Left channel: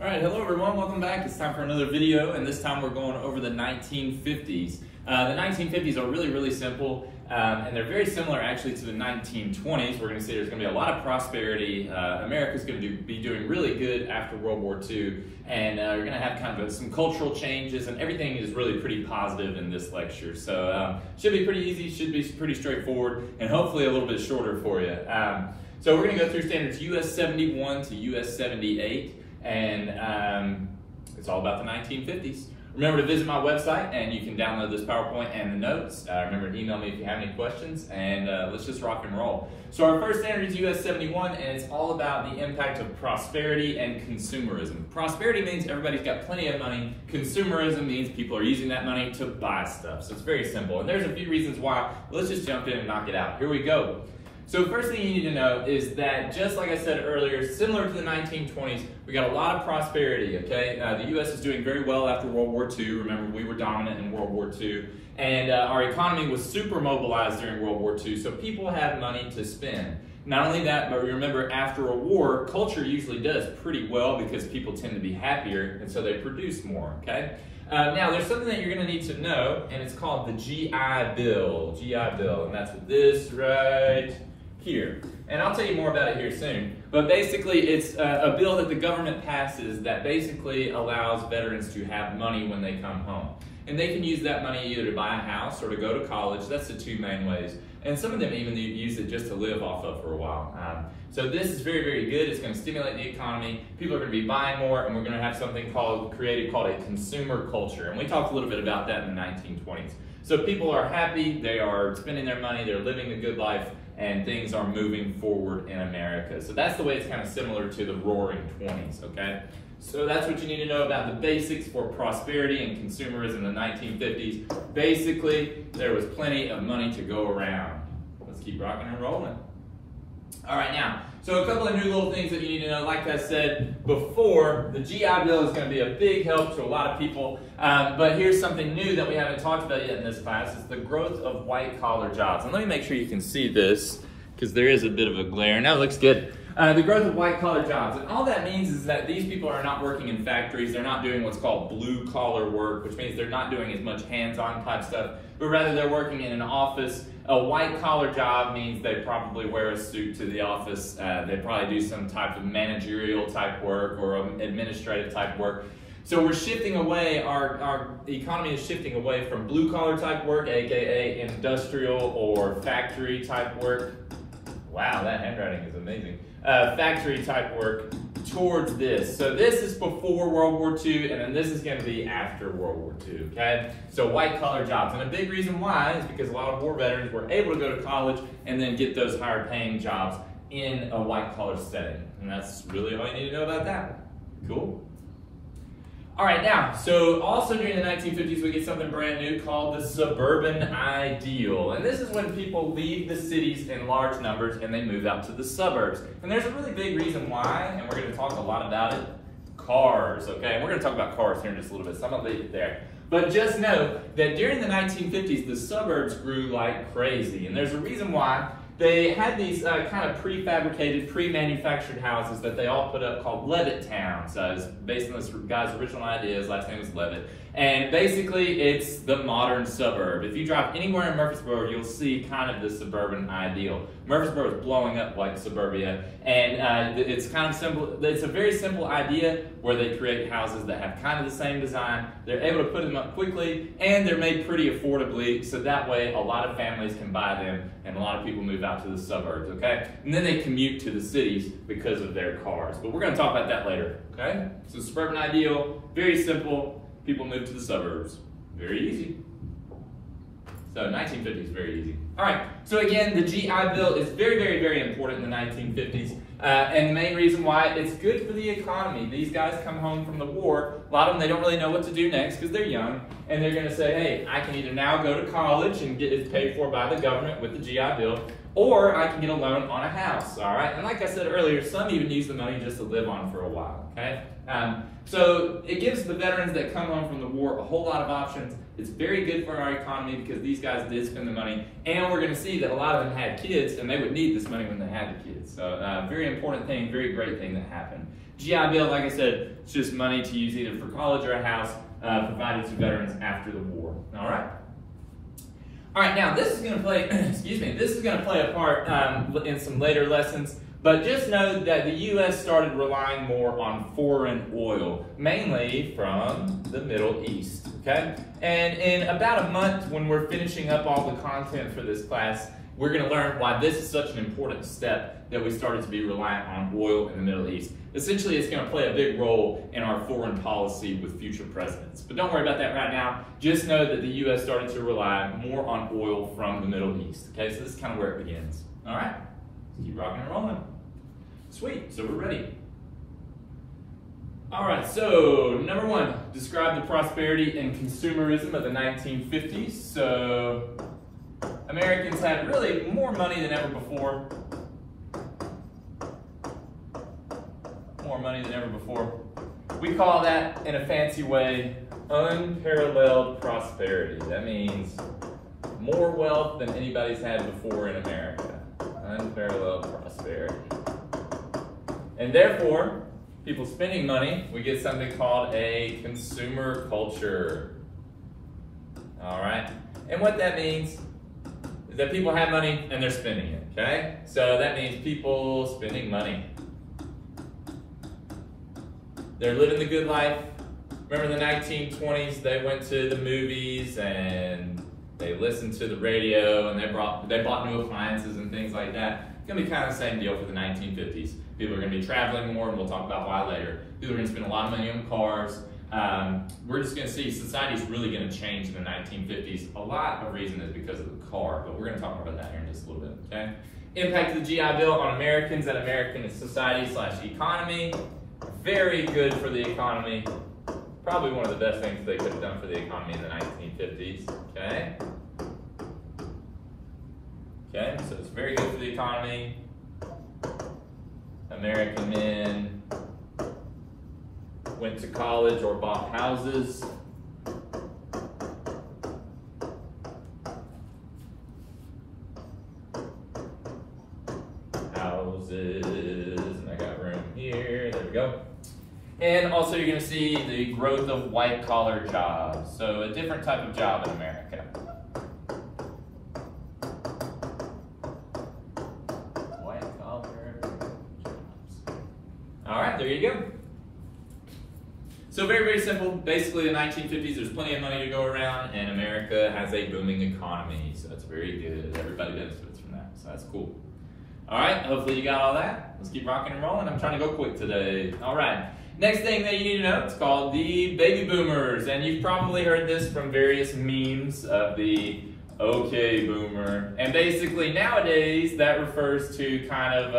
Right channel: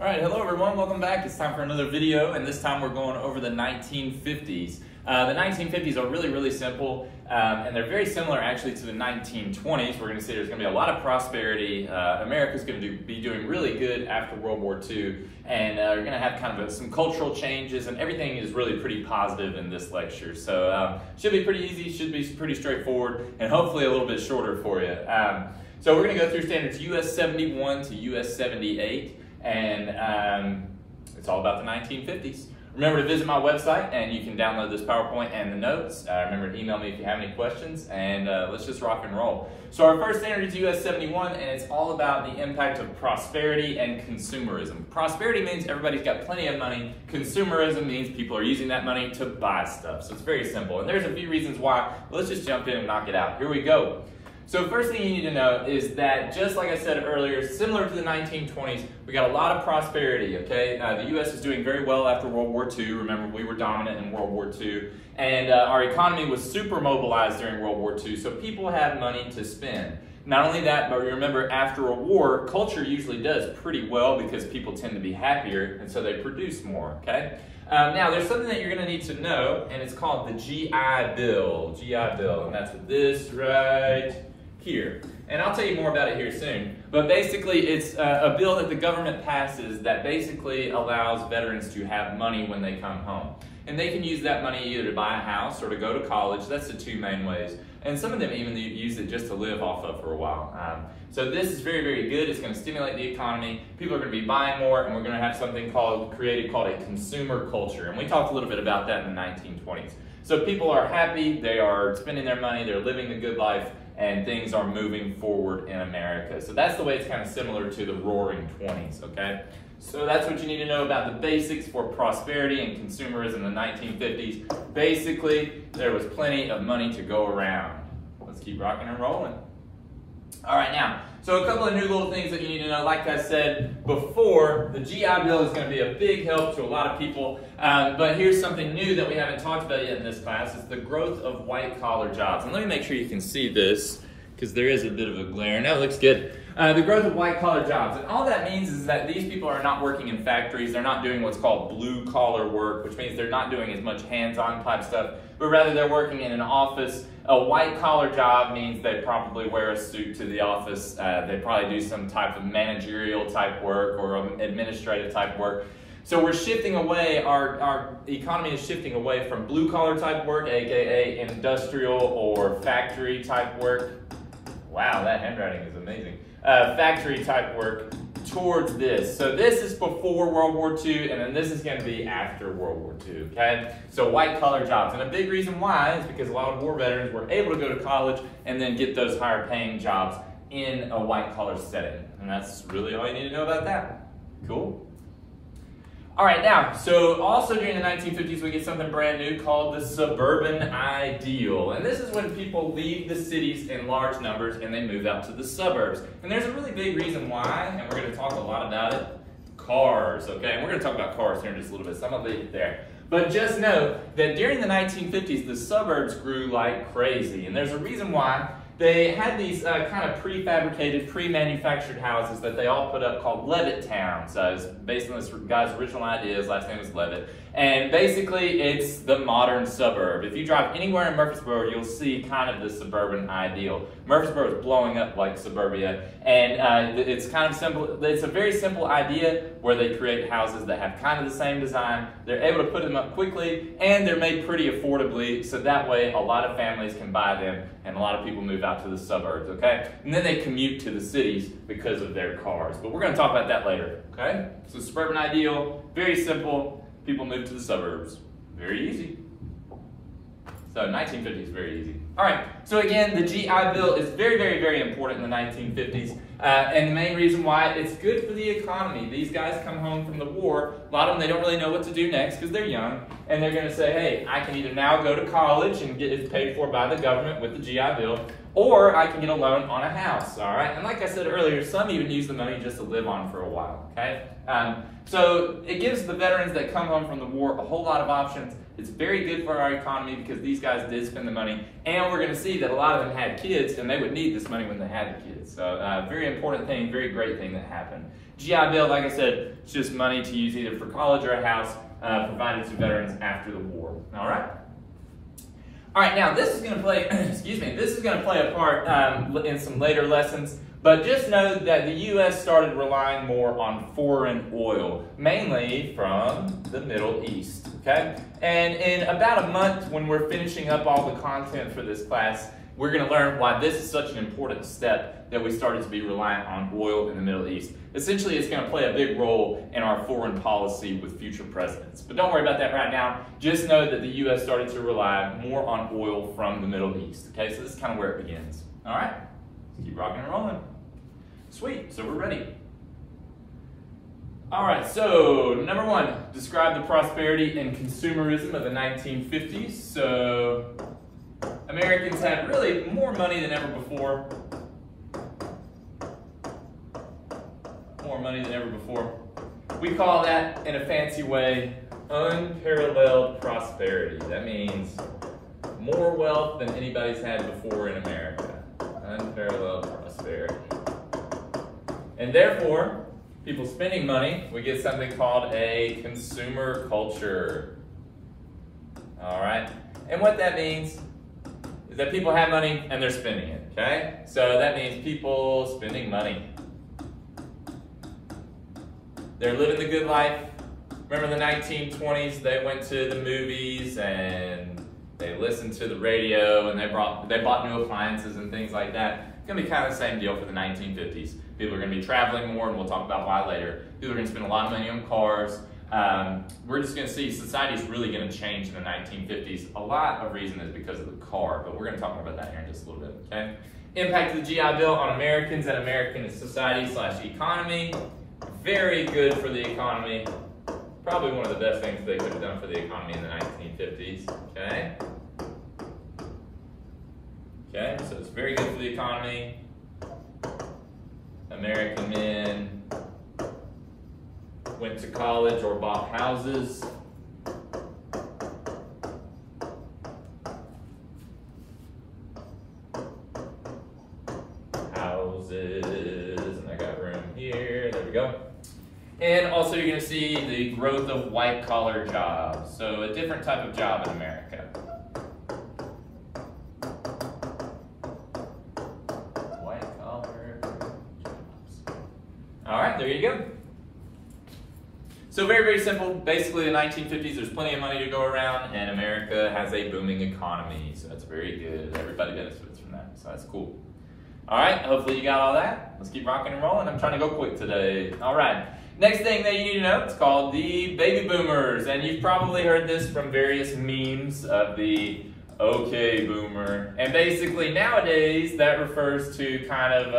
All right, hello everyone, welcome back. It's time for another video, and this time we're going over the 1950s. The 1950s are really simple, and they're very similar actually to the 1920s. We're going to see there's going to be a lot of prosperity. America's going to be doing really good after World War II, and you're going to have kind of some cultural changes, and everything is really pretty positive in this lecture. So should be pretty easy, should be pretty straightforward, and hopefully a little bit shorter for you. So we're going to go through standards US 71 to US 78. And it's all about the 1950s. Remember to visit my website and you can download this PowerPoint and the notes. Remember to email me if you have any questions, and let's just rock and roll. So our first standard is US 71, and it's all about the impact of prosperity and consumerism. Prosperity means everybody's got plenty of money. Consumerism means people are using that money to buy stuff. So it's very simple, and there's a few reasons why. Let's just jump in and knock it out. Here we go. So first thing you need to know is that, just like I said earlier, similar to the 1920s, we got a lot of prosperity, okay? The U.S. is doing very well after World War II. Remember, we were dominant in World War II. And our economy was super mobilized during World War II, so people had money to spend. Not only that, but remember, after a war, culture usually does pretty well because people tend to be happier, and so they produce more, okay? Now, there's something that you're going to need to know, and it's called the GI Bill. GI Bill, and that's this right here. And I'll tell you more about it here soon. But basically, it's a bill that the government passes that basically allows veterans to have money when they come home. And they can use that money either to buy a house or to go to college. That's the two main ways. And some of them even use it just to live off of for a while. So this is very good. It's going to stimulate the economy. People are going to be buying more, and we're going to have something created called a consumer culture. And we talked a little bit about that in the 1920s. So people are happy, they are spending their money, they're living the good life, and things are moving forward in America. So that's the way it's kind of similar to the Roaring 20s, okay? So that's what you need to know about the basics for prosperity and consumerism in the 1950s. Basically, there was plenty of money to go around. Let's keep rocking and rolling. All right, now, so a couple of new little things that you need to know. Like I said before, the GI Bill is going to be a big help to a lot of people. But here's something new that we haven't talked about yet in this class. It's the growth of white-collar jobs. And let me make sure you can see this, because there is a bit of a glare. Now it looks good. The growth of white-collar jobs. And all that means is that these people are not working in factories. They're not doing what's called blue-collar work, which means they're not doing as much hands-on type stuff, but rather they're working in an office. A white-collar job means they probably wear a suit to the office. They probably do some type of managerial type work or administrative type work. So we're shifting away, our economy is shifting away from blue-collar type work, aka industrial or factory type work. Wow, that handwriting is amazing. Factory type work towards this. So this is before World War II, and then this is going to be after World War II, okay? So white-collar jobs. And a big reason why is because a lot of war veterans were able to go to college and then get those higher-paying jobs in a white-collar setting. And that's really all you need to know about that. Cool? All right, now, so also during the 1950s, we get something brand new called the suburban ideal. And this is when people leave the cities in large numbers and they move out to the suburbs. And there's a really big reason why, and we're going to talk a lot about it. Cars, okay? And we're going to talk about cars here in just a little bit, so I'm going to leave it there. But just know that during the 1950s, the suburbs grew like crazy. And there's a reason why. They had these kind of prefabricated, pre-manufactured houses that they all put up called Levitt towns. It's based on this guy's original idea. His last name was Levitt. And basically, it's the modern suburb. If you drive anywhere in Murfreesboro, you'll see kind of the suburban ideal. Murfreesboro is blowing up like suburbia. And it's kind of simple. It's a very simple idea where they create houses that have kind of the same design. They're able to put them up quickly, and they're made pretty affordably. So that way, a lot of families can buy them, and a lot of people move out to the suburbs, okay? And then they commute to the cities because of their cars. But we're going to talk about that later, okay? So suburban ideal, very simple. People move to the suburbs. Very easy. So 1950s is very easy. All right, so again, the GI Bill is very important in the 1950s. And the main reason why, it's good for the economy. These guys come home from the war. A lot of them, they don't really know what to do next because they're young. And they're going to say, hey, I can either now go to college and get it paid for by the government with the GI Bill, or I can get a loan on a house, all right? And like I said earlier, some even use the money just to live on for a while, okay? So it gives the veterans that come home from the war a whole lot of options. It's very good for our economy because these guys did spend the money, and we're going to see that a lot of them had kids, and they would need this money when they had the kids. So very important thing, very great thing that happened. GI Bill, like I said, it's just money to use either for college or a house provided to veterans after the war. All right. All right. Now this is going to play. Excuse me. This is going to play a part in some later lessons. But just know that the U.S. started relying more on foreign oil, mainly from the Middle East, okay? And in about a month, when we're finishing up all the content for this class, we're going to learn why this is such an important step that we started to be reliant on oil in the Middle East. Essentially, it's going to play a big role in our foreign policy with future presidents. But don't worry about that right now. Just know that the U.S. started to rely more on oil from the Middle East, okay? So this is kind of where it begins, all right? Keep rocking and rolling. Sweet, so we're ready. All right, so number one, describe the prosperity and consumerism of the 1950s. So Americans had really more money than ever before. More money than ever before. We call that, in a fancy way, unparalleled prosperity. That means more wealth than anybody's had before in America. Unparalleled prosperity. And therefore, people spending money, we get something called a consumer culture. All right? And what that means is that people have money and they're spending it, okay? So that means people spending money. They're living the good life. Remember the 1920s, they went to the movies and they listened to the radio and they bought new appliances and things like that. It's gonna be kind of the same deal for the 1950s. People are gonna be traveling more, and we'll talk about why later. People are gonna spend a lot of money on cars. We're just gonna see society's really gonna change in the 1950s. A lot of reason is because of the car, but we're gonna talk about that here in just a little bit, okay? Impact of the GI Bill on Americans and American society/economy. Very good for the economy. Probably one of the best things they could have done for the economy in the 1950s, okay? Okay, so it's very good for the economy. American men went to college or bought houses. And I got room here, there we go. And also you're gonna see the growth of white collar jobs. So a different type of job in America. White collar jobs. All right, there you go. So very, very simple. Basically the 1950s, there's plenty of money to go around and America has a booming economy. So that's very good. Everybody benefits from that, so that's cool. All right, hopefully you got all that. Let's keep rocking and rolling. I'm trying to go quick today. All right, next thing that you need to know, it's called the baby boomers. And you've probably heard this from various memes of the okay boomer. And basically nowadays, that refers to kind of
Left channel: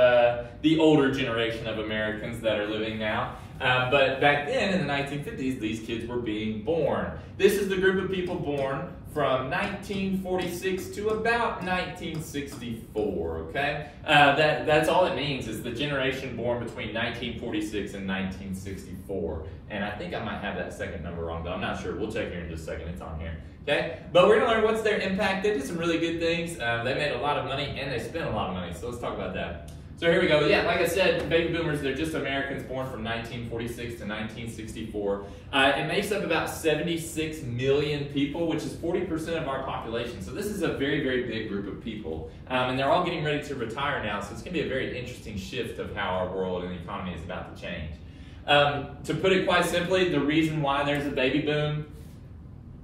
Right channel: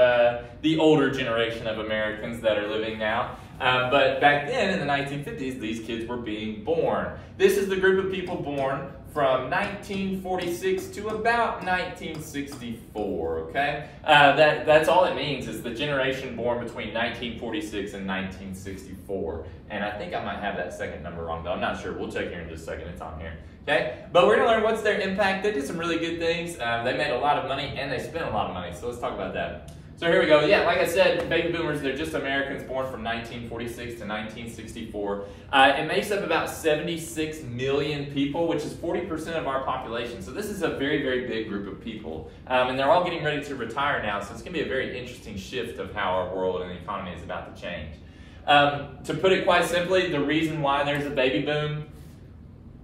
the older generation of Americans that are living now. But back then in the 1950s, these kids were being born. This is the group of people born from 1946 to about 1964, okay? That's all it means is the generation born between 1946 and 1964. And I think I might have that second number wrong, though. I'm not sure. We'll check here in just a second. It's on here, okay? But we're gonna learn what's their impact. They did some really good things. They made a lot of money and they spent a lot of money. So let's talk about that. So here we go. Yeah, like I said, baby boomers, they're just Americans born from 1946 to 1964. It makes up about 76 million people, which is 40% of our population. So this is a very, very big group of people. And they're all getting ready to retire now, so it's going to be a very interesting shift of how our world and the economy is about to change. To put it quite simply, the reason why there's a baby boom,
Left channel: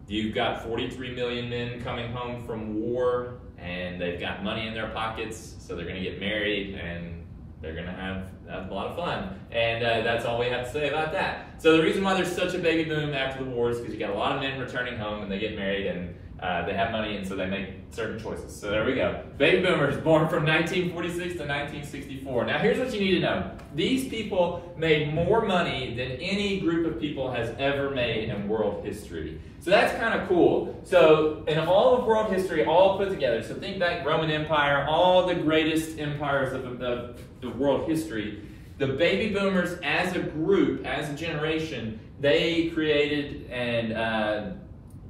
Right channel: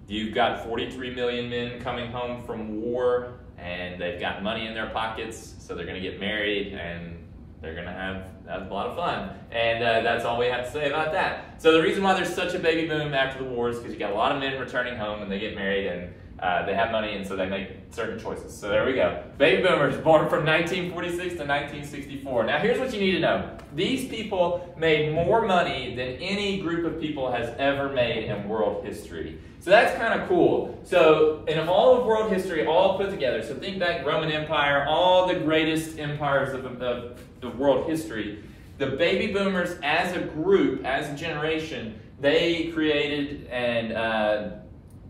you've got 43 million men coming home from war, and they've got money in their pockets, so they're going to get married and they're going to have a lot of fun. And that's all we have to say about that. So the reason why there's such a baby boom after the war is because you got a lot of men returning home and they get married and They have money, and so they make certain choices. So there we go. Baby boomers born from 1946 to 1964. Now here's what you need to know. These people made more money than any group of people has ever made in world history. So that's kind of cool. So in all of world history, all put together, so think back Roman Empire, all the greatest empires of the world history, the baby boomers as a group, as a generation, they created and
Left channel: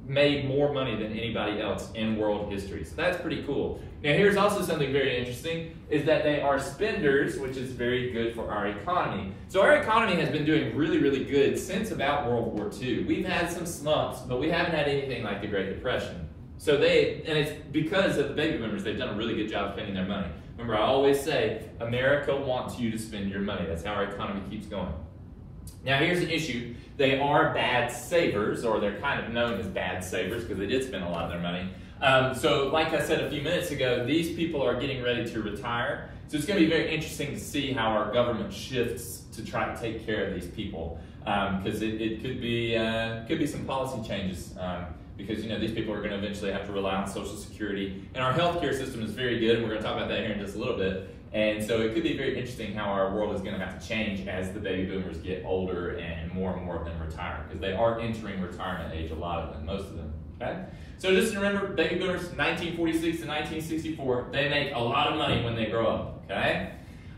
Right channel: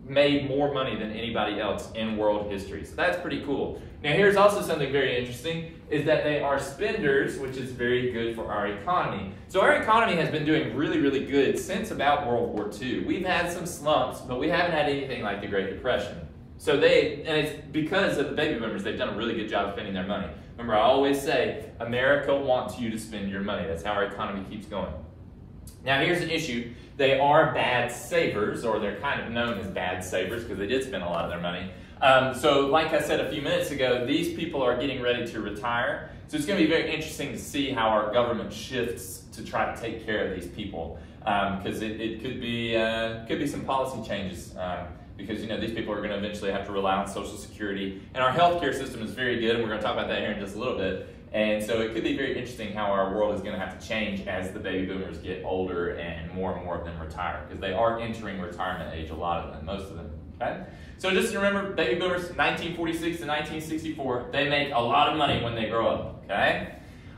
made more money than anybody else in world history. So that's pretty cool. Now here's also something very interesting, is that they are spenders, which is very good for our economy. So our economy has been doing really, really good since about World War II. We've had some slumps, but we haven't had anything like the Great Depression. So and it's because of the baby boomers, they've done a really good job of spending their money. Remember, I always say, America wants you to spend your money. That's how our economy keeps going. Now here's an issue. They are bad savers, or they're kind of known as bad savers because they did spend a lot of their money. So like I said a few minutes ago, these people are getting ready to retire. So it's going to be very interesting to see how our government shifts to try to take care of these people. Because it could be some policy changes. Because these people are going to eventually have to rely on Social Security. And our healthcare system is very good, and we're going to talk about that here in just a little bit. And so it could be very interesting how our world is going to have to change as the baby boomers get older and more of them retire, because they are entering retirement age, a lot of them, most of them. Okay? So just remember, baby boomers, 1946 to 1964, they make a lot of money when they grow up. Okay?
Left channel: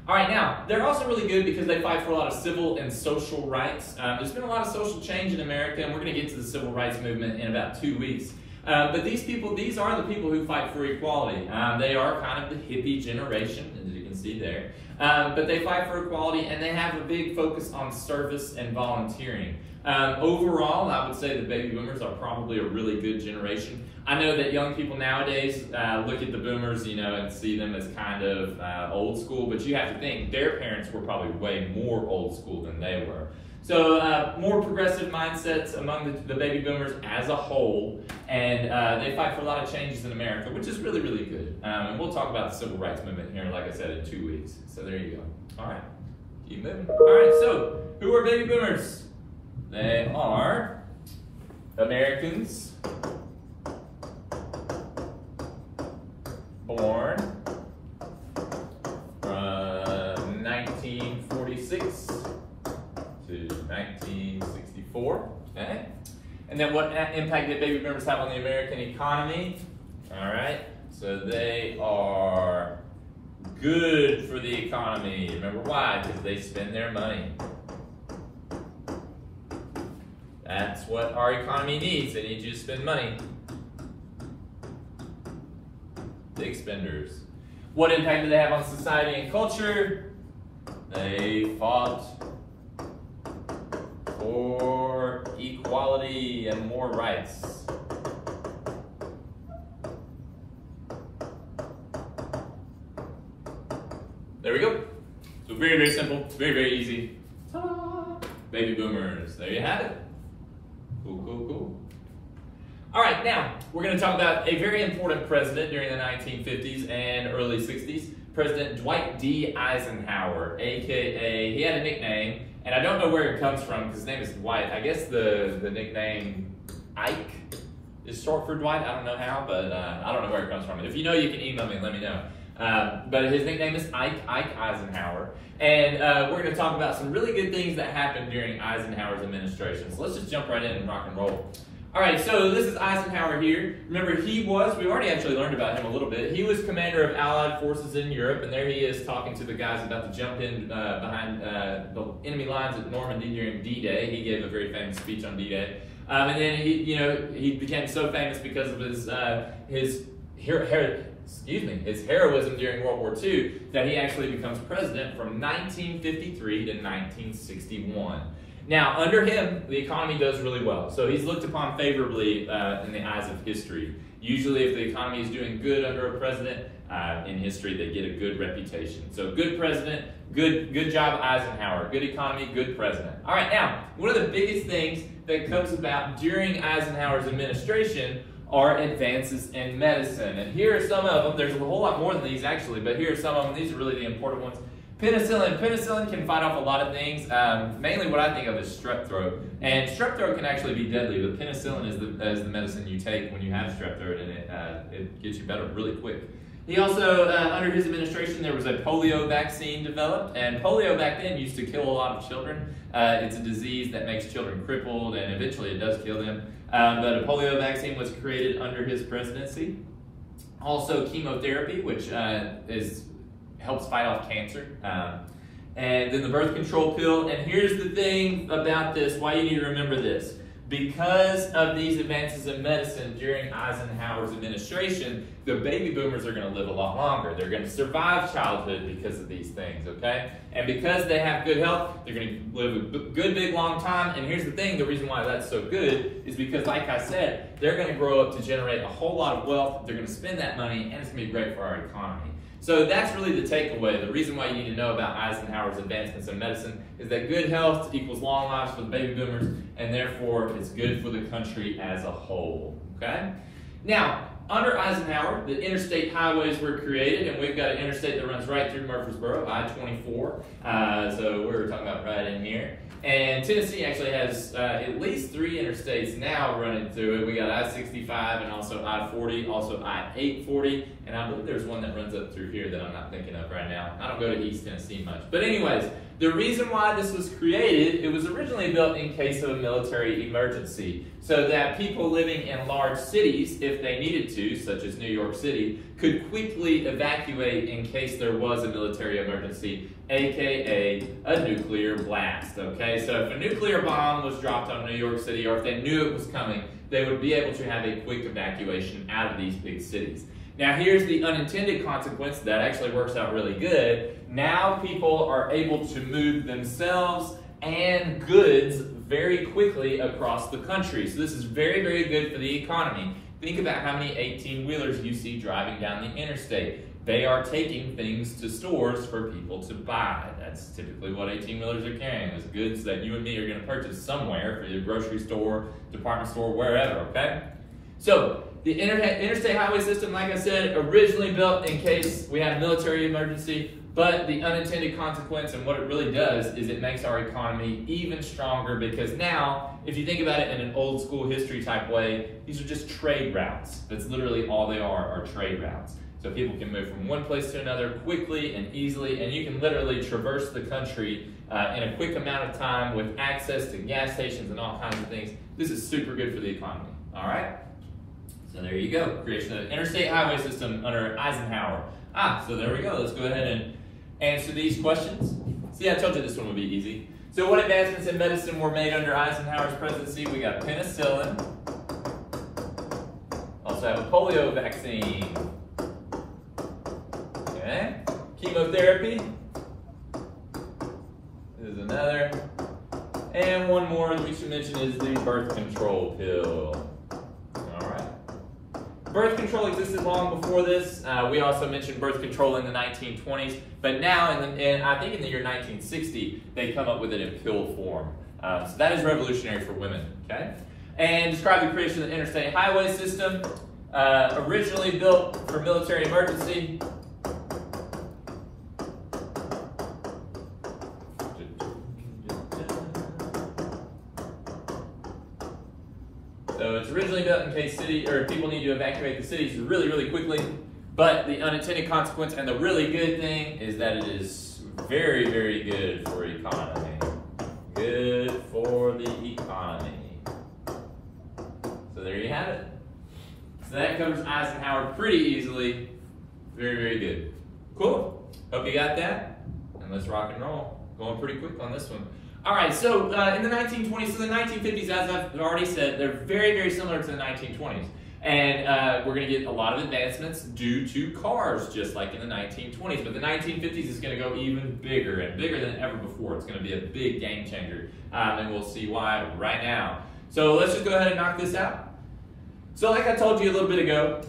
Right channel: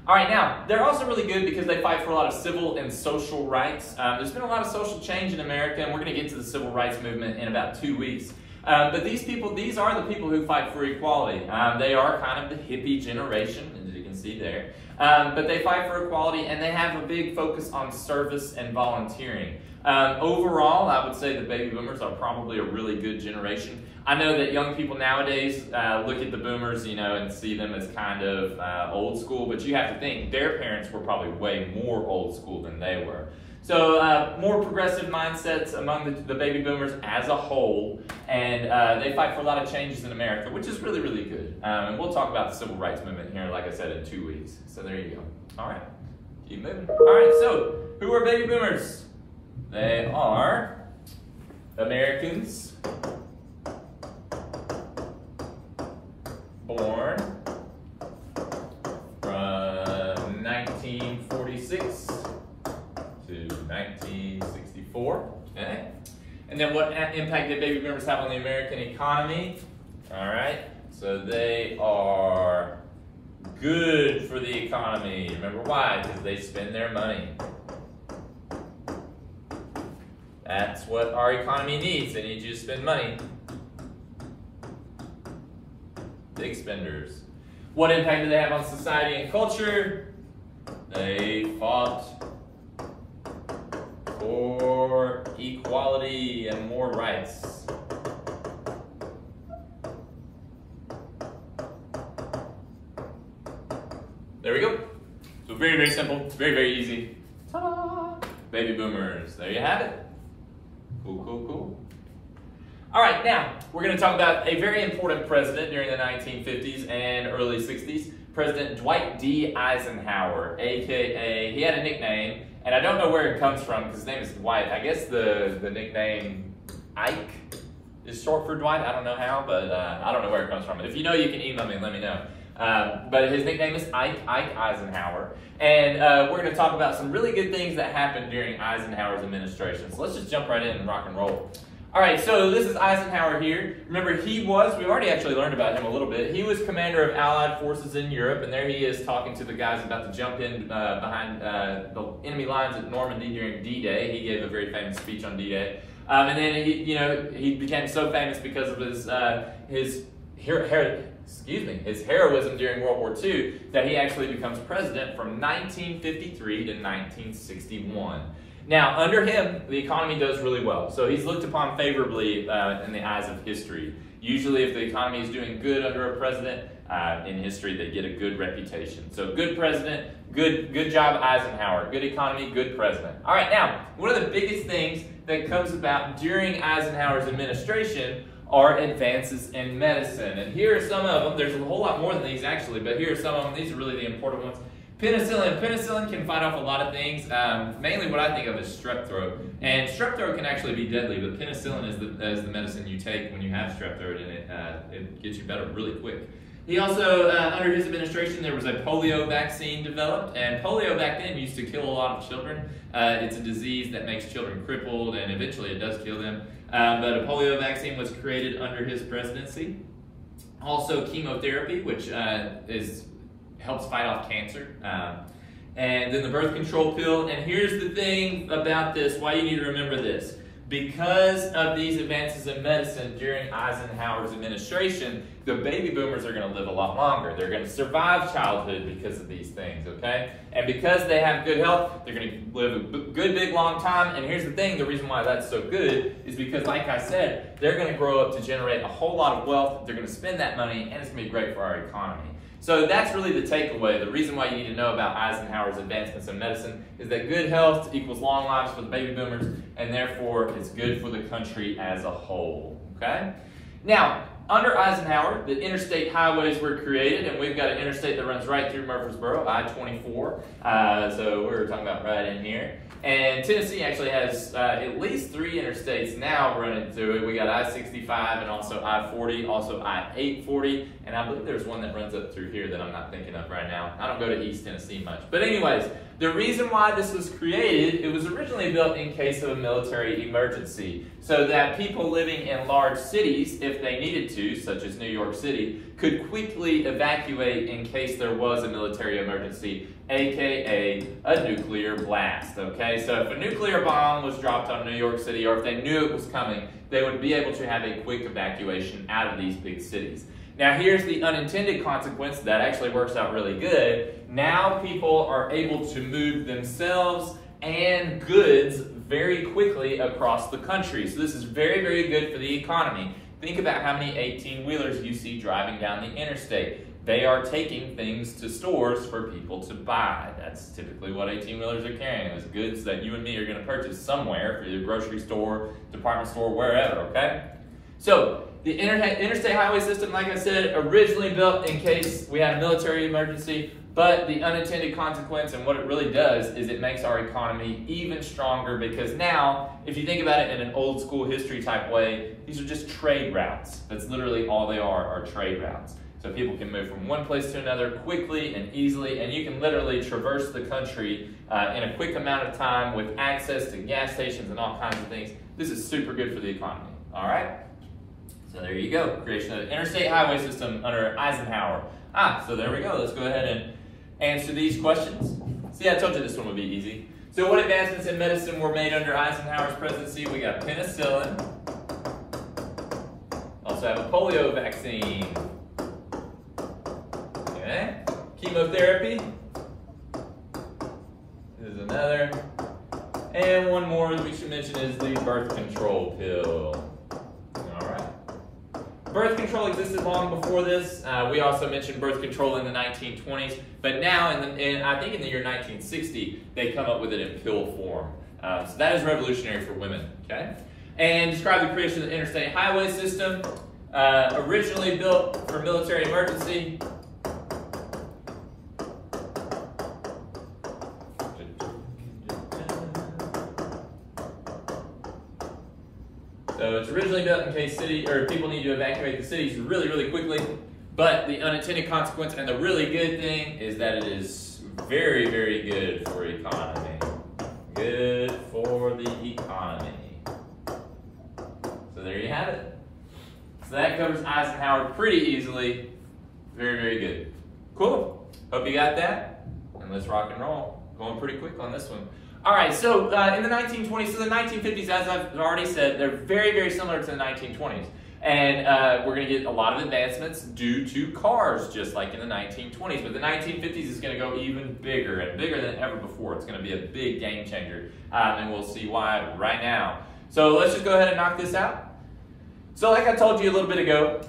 All right, now, they're also really good because they fight for a lot of civil and social rights. There's been a lot of social change in America, and we're going to get to the civil rights movement in about 2 weeks. But these are the people who fight for equality. They are kind of the hippie generation, as you can see there. But they fight for equality, and they have a big focus on service and volunteering. Overall, I would say the baby boomers are probably a really good generation. I know that young people nowadays look at the boomers, and see them as kind of old school, but you have to think their parents were probably way more old school than they were. So more progressive mindsets among the baby boomers as a whole, and they fight for a lot of changes in America, which is really, really good. And we'll talk about the civil rights movement here, like I said, in 2 weeks. So there you go. All right, keep moving. All right, so who are baby boomers? They are Americans born from 1946 to 1964, okay? And then what impact did baby boomers have on the American economy? All right, so they are good for the economy. Remember why? Because they spend their money. That's what our economy needs. They need you to spend money. Big spenders. What impact do they have on society and culture? They fought for equality and more rights. There we go. So very, very simple, very, very easy. Ta-da! Baby boomers. There you have it. Cool, cool, cool. All right, now we're going to talk about a very important president during the 1950s and early 60s, President Dwight D. Eisenhower, aka, he had a nickname, and I don't know where it comes from because his name is Dwight. I guess the nickname Ike is short for Dwight. I don't know how, but I don't know where it comes from. If you know, you can email me and let me know. But his nickname is Ike Eisenhower. And we're going to talk about some really good things that happened during Eisenhower's administration. So let's just jump right in and rock and roll. All right, so this is Eisenhower here. Remember, we already actually learned about him a little bit. He was commander of Allied forces in Europe, and there he is talking to the guys about to jump in behind the enemy lines at Normandy during D-Day. He gave a very famous speech on D-Day. And then he became so famous because of his heroism during World War II, that he actually becomes president from 1953 to 1961. Now, under him, the economy does really well. So he's looked upon favorably in the eyes of history. Usually, if the economy is doing good under a president, in history, they get a good reputation. So good president, good job, Eisenhower. Good economy, good president. All right, now, one of the biggest things that comes about during Eisenhower's administration are advances in medicine. And here are some of them. There's a whole lot more than these actually, but here are some of them. These are really the important ones. Penicillin. Penicillin can fight off a lot of things. Mainly what I think of is strep throat. And strep throat can actually be deadly, but penicillin is the medicine you take when you have strep throat, and it gets you better really quick. He also, under his administration, there was a polio vaccine developed, and polio back then used to kill a lot of children. It's a disease that makes children crippled, and eventually it does kill them. But a polio vaccine was created under his presidency. Also chemotherapy, which helps fight off cancer. And then the birth control pill. And here's the thing about this, why you need to remember this. Because of these advances in medicine during Eisenhower's administration, the baby boomers are going to live a lot longer. They're going to survive childhood because of these things, okay? And because they have good health, they're going to live a good, big, long time. And here's the thing, the reason why that's so good is because, like I said, they're going to grow up to generate a whole lot of wealth. They're going to spend that money, and it's going to be great for our economy. So that's really the takeaway. The reason why you need to know about Eisenhower's advancements in medicine is that good health equals long lives for the baby boomers, and therefore it's good for the country as a whole, okay? Now, under Eisenhower, the interstate highways were created, and we've got an interstate that runs right through Murfreesboro, I-24, so we're talking about right in here. And Tennessee actually has at least 3 interstates now running through it. We got I-65 and also I-40, also I-840, and I believe there's one that runs up through here that I'm not thinking of right now. I don't go to East Tennessee much. But anyways, the reason why this was created, it was originally built in case of a military emergency, so that people living in large cities, if they needed to, such as New York City, could quickly evacuate in case there was a military emergency, aka a nuclear blast, okay? So if a nuclear bomb was dropped on New York City, or if they knew it was coming, they would be able to have a quick evacuation out of these big cities. Now here's the unintended consequence that actually works out really good. Now people are able to move themselves and goods very quickly across the country. So this is very, very good for the economy. Think about how many 18-wheelers you see driving down the interstate. They are taking things to stores for people to buy. That's typically what 18-wheelers are carrying, is goods that you and me are going to purchase somewhere, for the grocery store, department store, wherever, okay? So the interstate highway system, like I said, originally built in case we had a military emergency, but the unintended consequence and what it really does is it makes our economy even stronger, because now, if you think about it in an old school history type way, these are just trade routes. That's literally all they are trade routes. So people can move from one place to another quickly and easily, and you can literally traverse the country in a quick amount of time with access to gas stations and all kinds of things. This is super good for the economy, all right? So there you go, creation of the interstate highway system under Eisenhower. So there we go. Let's go ahead and answer these questions. See, I told you this one would be easy. So what advancements in medicine were made under Eisenhower's presidency? We got penicillin. Also have a polio vaccine. Okay. Chemotherapy. There's another. And one more that we should mention is the birth control pill. Birth control existed long before this. We also mentioned birth control in the 1920s, but now, I think in the year 1960, they come up with it in pill form. So that is revolutionary for women, okay? And describe the creation of the interstate highway system. Originally built for military emergency. So it's originally built in case people need to evacuate the cities really, really quickly. But the unintended consequence and the really good thing is that it is very, very good for economy. Good for the economy. So there you have it. So that covers Eisenhower pretty easily. Very, very good. Cool. Hope you got that. And let's rock and roll. Going pretty quick on this one. All right, so in the 1920s, so the 1950s, as I've already said, they're very, very similar to the 1920s. And we're going to get a lot of advancements due to cars, just like in the 1920s. But the 1950s is going to go even bigger and bigger than ever before. It's going to be a big game changer, and we'll see why right now. So let's just go ahead and knock this out. So like I told you a little bit ago,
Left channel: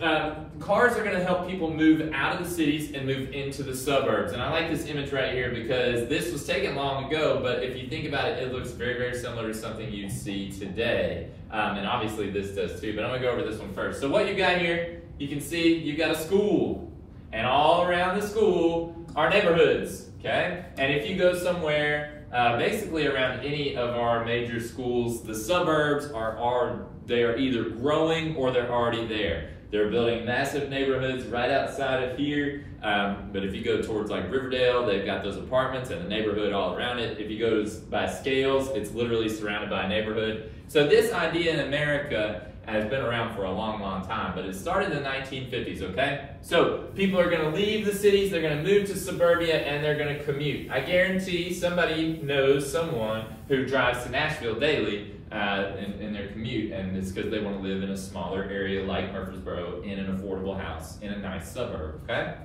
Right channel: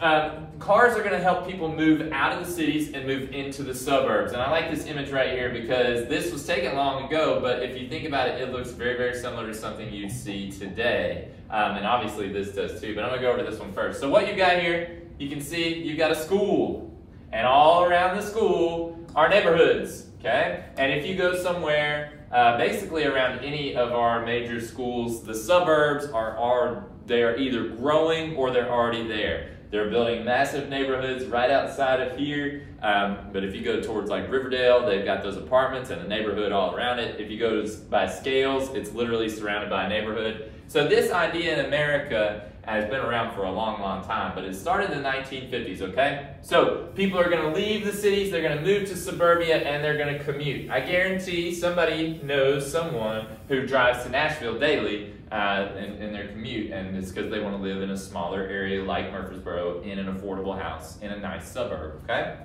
cars are going to help people move out of the cities and move into the suburbs. And I like this image right here because this was taken long ago, but if you think about it, it looks very, very similar to something you'd see today. And obviously this does too, but I'm going to go over this one first. So what you got here, you can see you've got a school. And all around the school are neighborhoods, okay? And if you go somewhere, basically around any of our major schools, the suburbs they are either growing or they're already there. They're building massive neighborhoods right outside of here. But if you go towards like Riverdale, they've got those apartments and a neighborhood all around it. If you go by Scales, it's literally surrounded by a neighborhood. So this idea in America has been around for a long, long time, but it started in the 1950s, okay? So people are gonna leave the cities, they're gonna move to suburbia, and they're gonna commute. I guarantee somebody knows someone who drives to Nashville daily in their commute, and it's because they wanna live in a smaller area like Murfreesboro in an affordable house in a nice suburb, okay?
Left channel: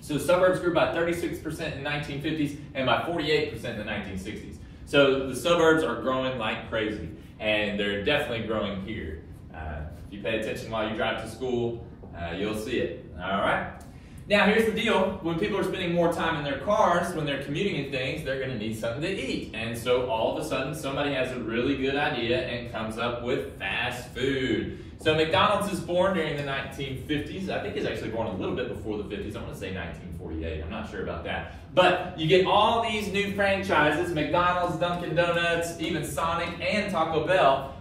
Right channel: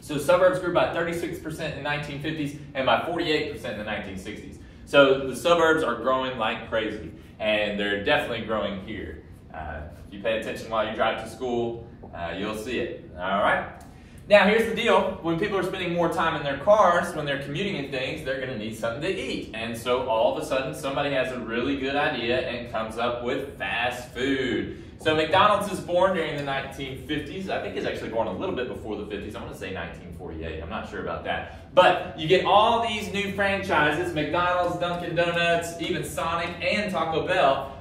So suburbs grew by 36% in the 1950s and by 48% in the 1960s. So the suburbs are growing like crazy, and they're definitely growing here. If you pay attention while you drive to school, you'll see it, all right? Now, here's the deal. When people are spending more time in their cars, when they're commuting and things, they're gonna need something to eat. And so all of a sudden, somebody has a really good idea and comes up with fast food. So McDonald's is born during the 1950s. I think it's actually born a little bit before the 50s. I want to say 1948. I'm not sure about that. But you get all these new franchises, McDonald's, Dunkin' Donuts, even Sonic and Taco Bell.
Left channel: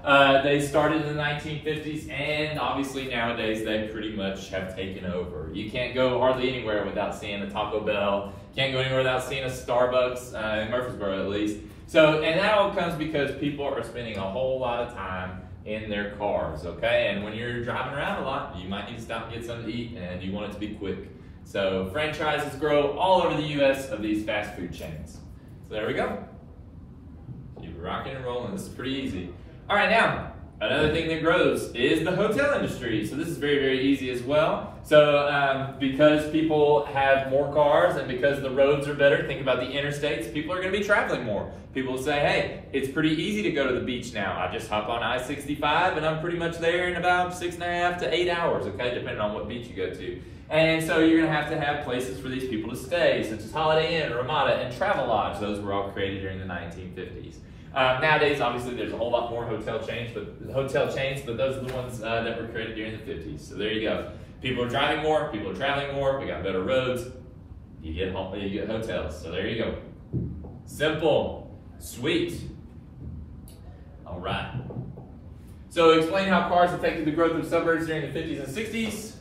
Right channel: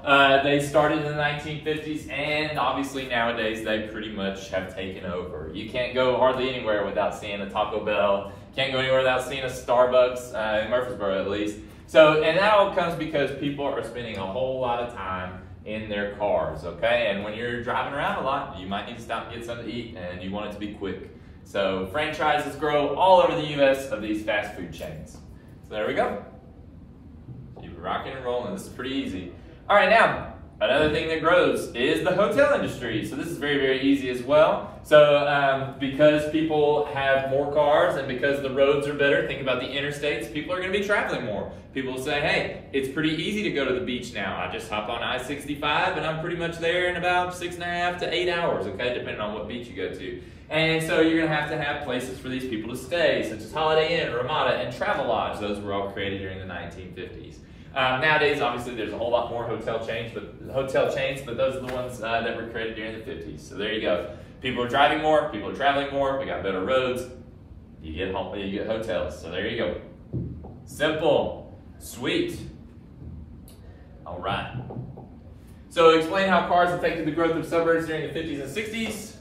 They started in the 1950s, and obviously nowadays they pretty much have taken over. You can't go hardly anywhere without seeing a Taco Bell. Can't go anywhere without seeing a Starbucks, in Murfreesboro at least. So, and that all comes because people are spending a whole lot of time in their cars, okay? And when you're driving around a lot, you might need to stop and get something to eat, and you want it to be quick. So franchises grow all over the US of these fast food chains. So there we go. Keep rocking and rolling. This is pretty easy. All right, now, another thing that grows is the hotel industry. So this is very, very easy as well. So because people have more cars and because the roads are better, think about the interstates, people are gonna be traveling more. People say, hey, it's pretty easy to go to the beach now. I just hop on I-65 and I'm pretty much there in about 6.5 to 8 hours, okay, depending on what beach you go to. And so you're gonna have places for these people to stay, such as Holiday Inn, Ramada, and Travelodge. Those were all created during the 1950s. Nowadays, obviously, there's a whole lot more hotel chains, but those are the ones that were created during the 50s. So there you go. People are driving more, people are traveling more, we got better roads, you get hotels. So there you go. Simple, sweet. All right. So explain how cars affected the growth of suburbs during the 50s and 60s.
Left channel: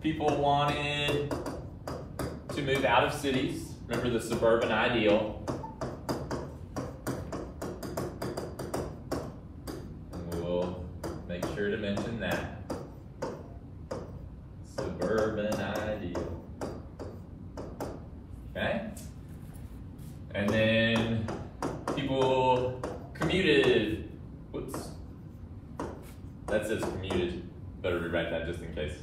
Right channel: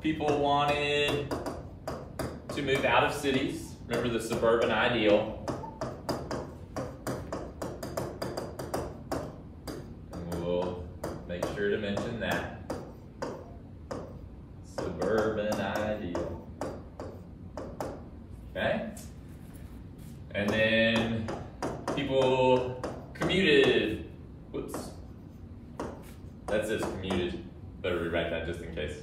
People wanted to move out of cities. Remember the suburban ideal. And we'll make sure to mention that. Suburban ideal. Okay? And then people commuted. Whoops. That says commuted. Better rewrite that just in case.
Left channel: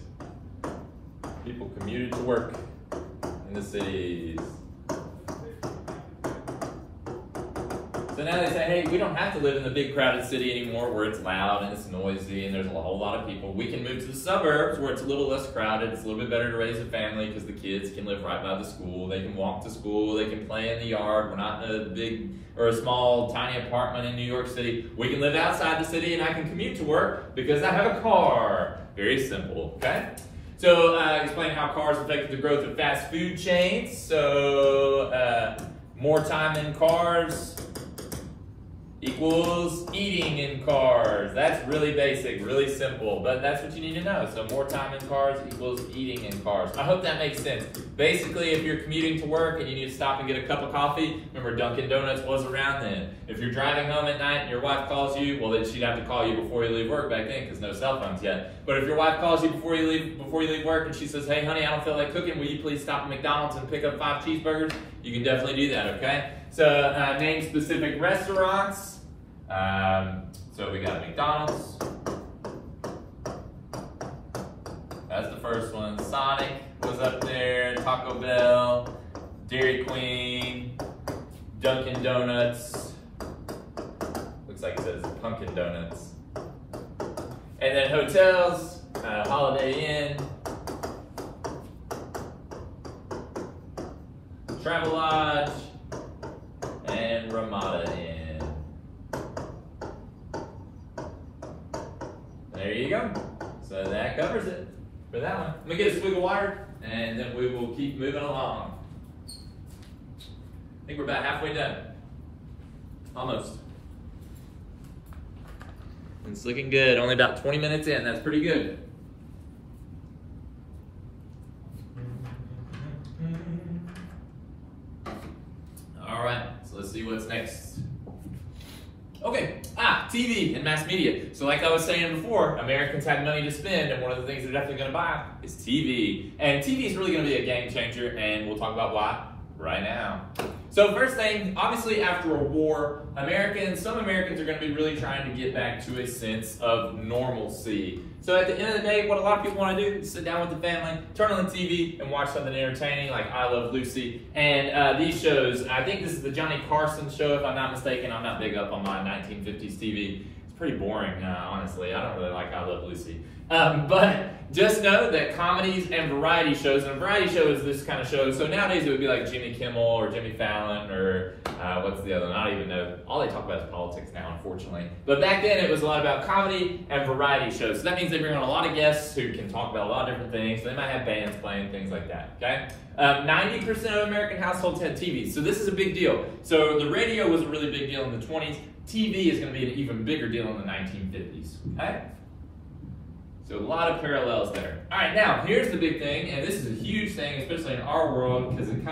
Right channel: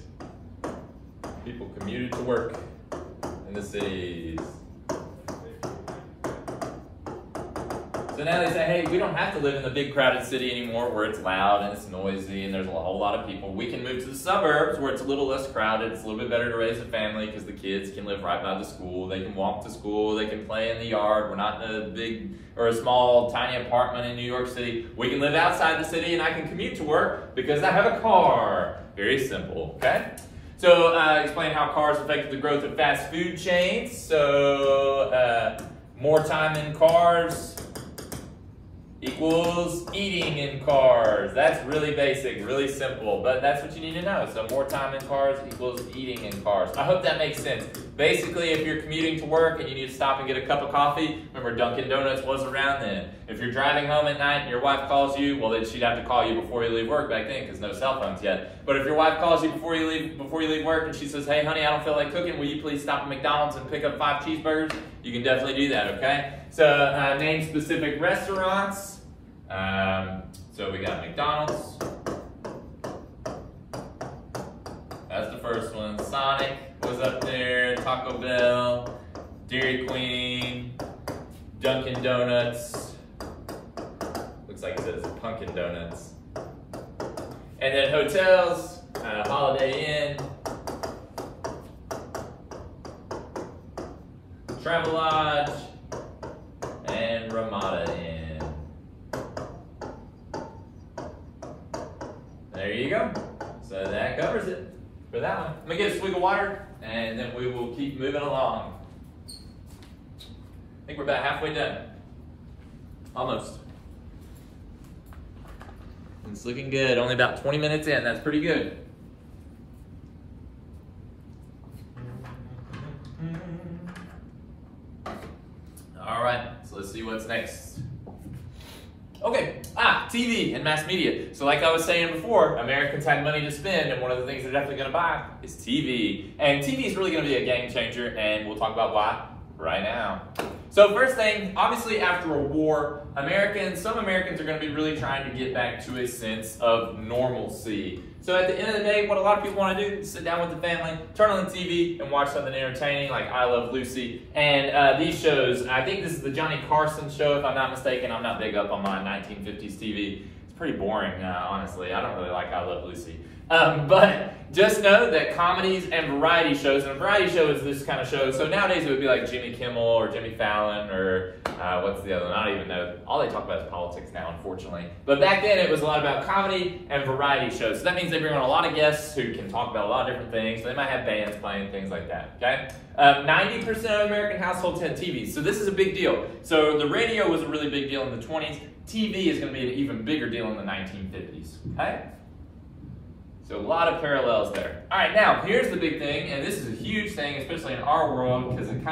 People commuted to work in the cities. So now they say, hey, we don't have to live in the big crowded city anymore where it's loud and it's noisy and there's a whole lot of people. We can move to the suburbs where it's a little less crowded. It's a little bit better to raise a family because the kids can live right by the school. They can walk to school. They can play in the yard. We're not in a big or a small, tiny apartment in New York City. We can live outside the city and I can commute to work because I have a car. Very simple, okay? So explain how cars affected the growth of fast food chains. So more time in cars equals eating in cars. That's really basic, really simple, but that's what you need to know. So more time in cars equals eating in cars. I hope that makes sense. Basically, if you're commuting to work and you need to stop and get a cup of coffee, remember Dunkin' Donuts was around then. If you're driving home at night and your wife calls you, well, then she'd have to call you before you leave work back then because no cell phones yet. But if your wife calls you before you leave work and she says, hey honey, I don't feel like cooking, will you please stop at McDonald's and pick up 5 cheeseburgers? You can definitely do that, okay? So name specific restaurants. So we got McDonald's. That's the first one. Sonic was up there. Taco Bell, Dairy Queen, Dunkin' Donuts. Looks like it says Pumpkin Donuts. And then hotels, Holiday Inn, Travelodge, and Ramada Inn. There you go. So that covers it. for that one. Let me get a swig of water, and then we will keep moving along. I think we're about halfway done. Almost. It's looking good. Only about 20 minutes in. That's pretty good. All right, so let's see what's next. Okay, TV and mass media. So like I was saying before, Americans have money to spend, and one of the things they're definitely going to buy is TV. And TV is really going to be a game changer, and we'll talk about why right now. So first thing, obviously after a war, some Americans are going to be really trying to get back to a sense of normalcy. So at the end of the day, what a lot of people want to do is sit down with the family, turn on the TV, and watch something entertaining like I Love Lucy. And these shows, I think this is the Johnny Carson show, if I'm not mistaken. I'm not big up on my 1950s TV. It's pretty boring, honestly. I don't really like I Love Lucy. But just know that comedies and variety shows, and a variety show is this kind of show. So nowadays it would be like Jimmy Kimmel or Jimmy Fallon or what's the other one? I don't even know. All they talk about is politics now, unfortunately. But back then it was a lot about comedy and variety shows. So that means they bring on a lot of guests who can talk about a lot of different things. So they might have bands playing, things like that, okay? 90% of American households had TVs. So this is a big deal. So the radio was a really big deal in the 20s. TV is going to be an even bigger deal in the 1950s, okay? So a lot of parallels there. All right, now here's the big thing, and this is a huge thing, especially in our world, because it's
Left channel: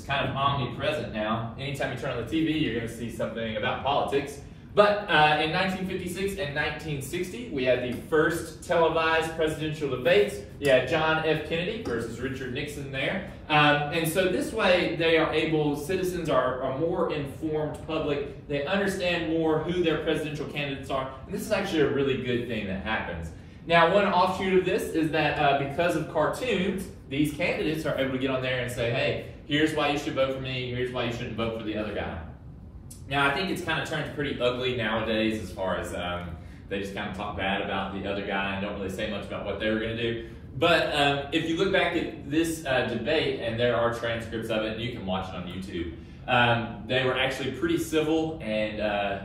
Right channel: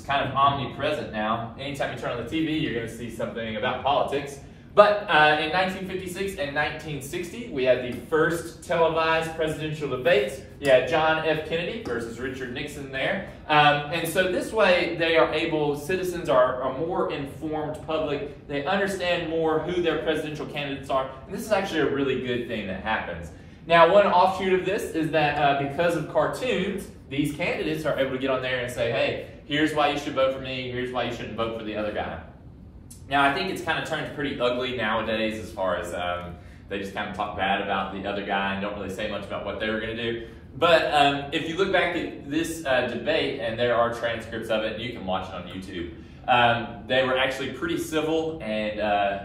kind of omnipresent now. Anytime you turn on the TV, you're going to see something about politics. But in 1956 and 1960, we had the first televised presidential debates. You had John F. Kennedy versus Richard Nixon there. And so this way, citizens are a more informed public. They understand more who their presidential candidates are. And this is actually a really good thing that happens. Now, one offshoot of this is that because of cartoons, these candidates are able to get on there and say, hey, here's why you should vote for me, here's why you shouldn't vote for the other guy. Now, I think it's kind of turned pretty ugly nowadays as far as they just kind of talk bad about the other guy and don't really say much about what they were going to do. But if you look back at this debate, and there are transcripts of it, you can watch it on YouTube. They were actually pretty civil, and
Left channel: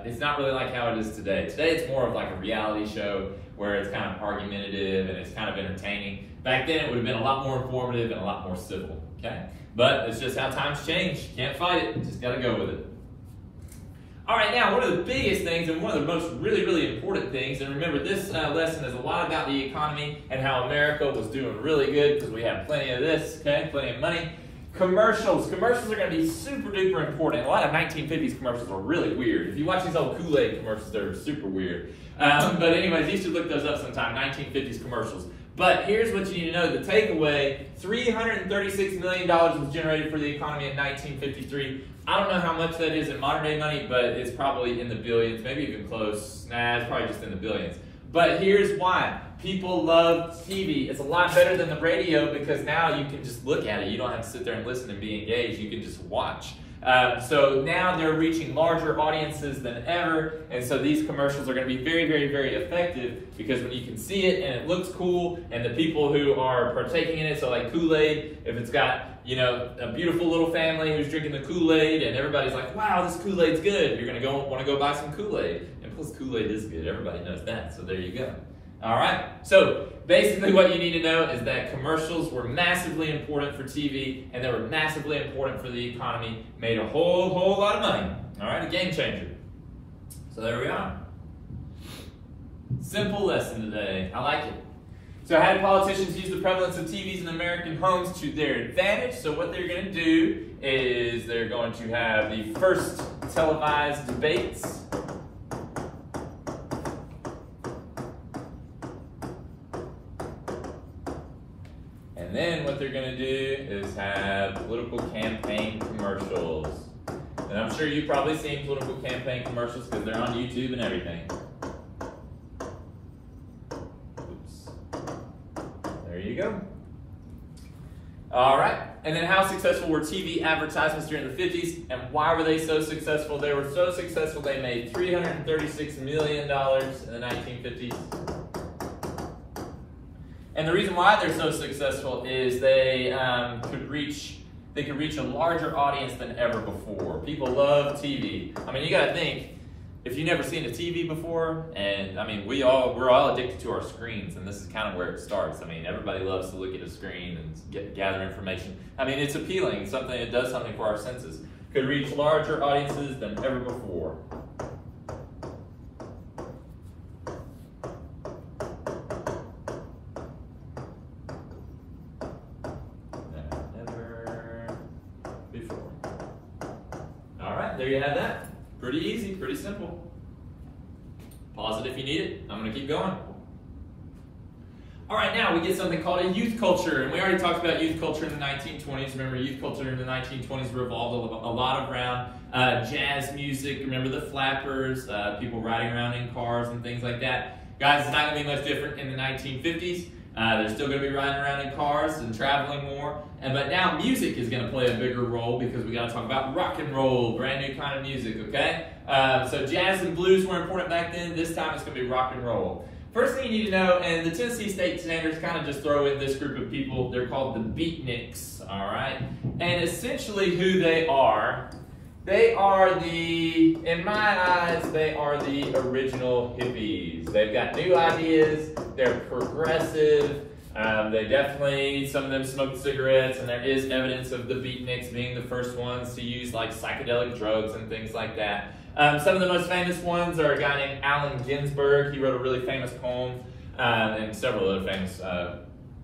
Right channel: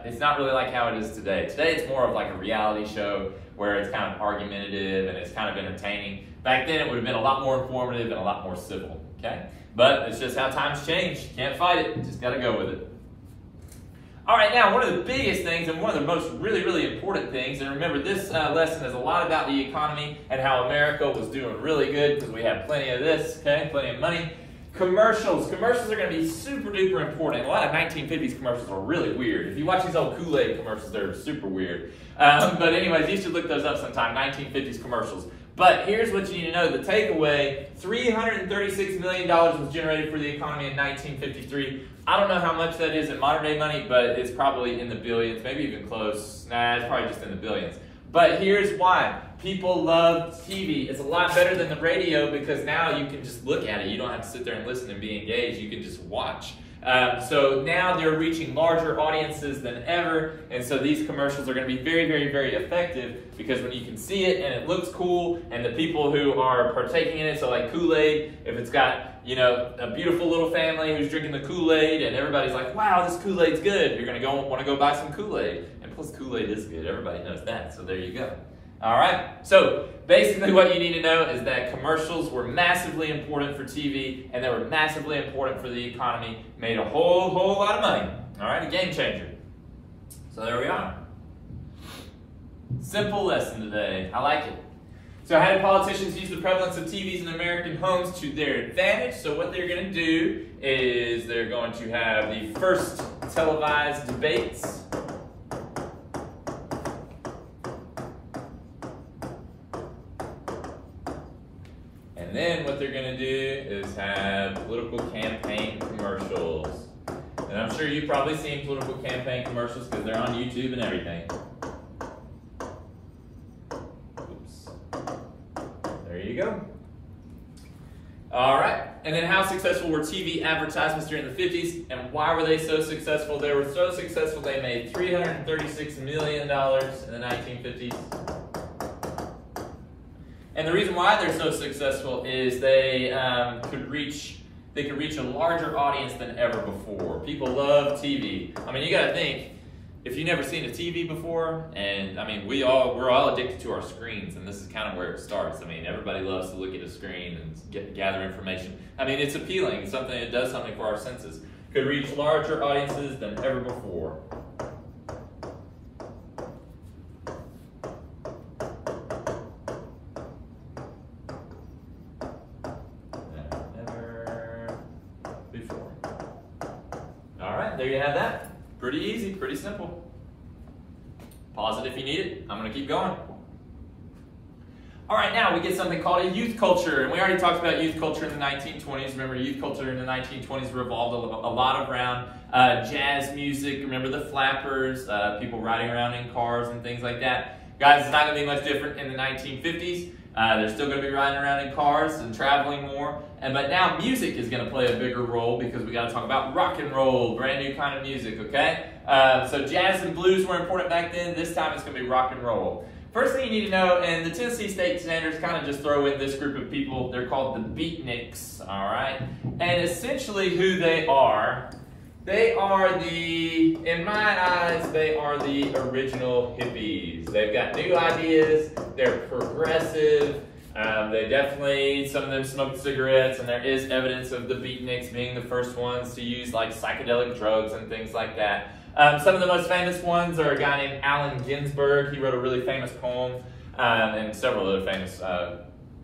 it's not really like how it is today. Today it's more of like a reality show where it's kind of argumentative and it's kind of entertaining. Back then it would have been a lot more informative and a lot more civil, okay? But it's just how times change. Can't fight it, you just gotta go with it. All right, now one of the biggest things and one of the most really important things, and remember this lesson is a lot about the economy and how America was doing really good because we have plenty of this, okay, plenty of money. Commercials. Commercials are going to be super duper important. A lot of 1950s commercials are really weird. If you watch these old Kool-Aid commercials, they're super weird. But anyways, you should look those up sometime, 1950s commercials. But here's what you need to know. The takeaway, $336 million was generated for the economy in 1953. I don't know how much that is in modern day money, but it's probably in the billions, maybe even close. Nah, it's probably just in the billions. But here's why. People love TV. It's a lot better than the radio because now you can just look at it. You don't have to sit there and listen and be engaged. You can just watch. So now they're reaching larger audiences than ever, and so these commercials are going to be very effective because when you can see it and it looks cool, and the people who are partaking in it, so like Kool-Aid, if it's got, you know, a beautiful little family who's drinking the Kool-Aid and everybody's like, wow, this Kool-Aid's good, you're going to want to go buy some Kool-Aid. And plus Kool-Aid is good, everybody knows that, so there you go. All right, so basically what you need to know is that commercials were massively important for TV, and they were massively important for the economy, made a whole lot of money. All right, a game changer. So there we are. Simple lesson today, I like it. So how do politicians use the prevalence of TVs in American homes to their advantage? So what they're gonna do is they're going to have the first televised debates. And then what they're going to do is have political campaign commercials. And I'm sure you've probably seen political campaign commercials because they're on YouTube and everything. Oops. There you go. All right. And then how successful were TV advertisements during the 50s? And why were they so successful? They were so successful they made $336 million in the 1950s. And the reason why they're so successful is they could reach a larger audience than ever before. People love TV. I mean, you got to think, if you've never seen a TV before, and I mean, we're all addicted to our screens, and this is kind of where it starts. I mean, everybody loves to look at a screen and gather information. I mean, it's appealing, something that does something for our senses. Could reach larger audiences than ever before. Never before. All right, there you have that. Pretty easy, pretty simple. Pause it if you need it. I'm going to keep going. All right, now we get something called a youth culture, and we already talked about youth culture in the 1920s. Remember, youth culture in the 1920s revolved a lot around jazz music. Remember the flappers, people riding around in cars and things like that. Guys, it's not going to be much different in the 1950s. They're still going to be riding around in cars and traveling more. But now music is going to play a bigger role because we got to talk about rock and roll, brand new kind of music, okay? So jazz and blues were important back then. This time it's going to be rock and roll. First thing you need to know, and the Tennessee State Standards kind of just throw in this group of people. They're called the beatniks, all right? And essentially who they are the, in my eyes, they are the original hippies. They've got new ideas, they're progressive, they definitely, some of them smoke cigarettes, and there is evidence of the beatniks being the first ones to use like psychedelic drugs and things like that. Some of the most famous ones are a guy named Allen Ginsberg. He wrote a really famous poem, and several other famous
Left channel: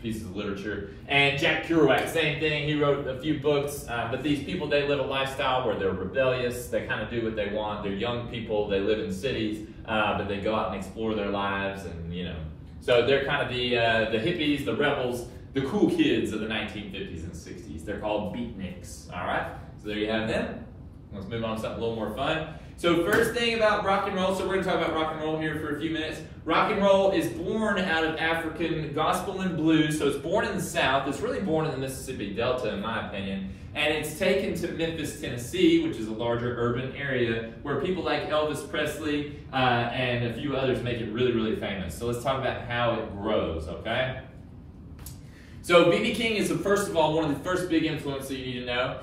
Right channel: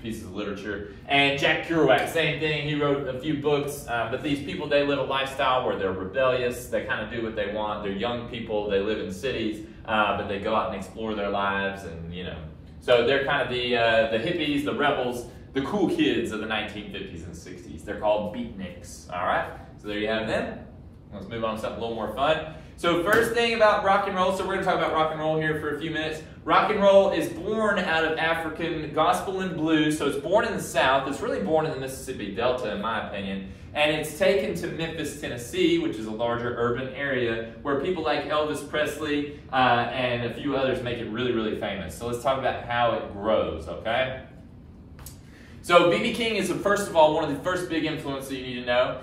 pieces of literature. And Jack Kerouac, same thing. He wrote a few books, but these people, they live a lifestyle where they're rebellious. They kind of do what they want. They're young people. They live in cities, but they go out and explore their lives, and you know. So they're kind of the hippies, the rebels, the cool kids of the 1950s and 60s. They're called beatniks. All right. So there you have them. Let's move on to something a little more fun. So first thing about rock and roll, so we're going to talk about rock and roll here for a few minutes. Rock and roll is born out of African gospel and blues, so it's born in the South. It's really born in the Mississippi Delta, in my opinion. And it's taken to Memphis, Tennessee, which is a larger urban area, where people like Elvis Presley and a few others make it really, really famous. So let's talk about how it grows, okay? So B.B. King is, first of all, one of the first big influences you need to know.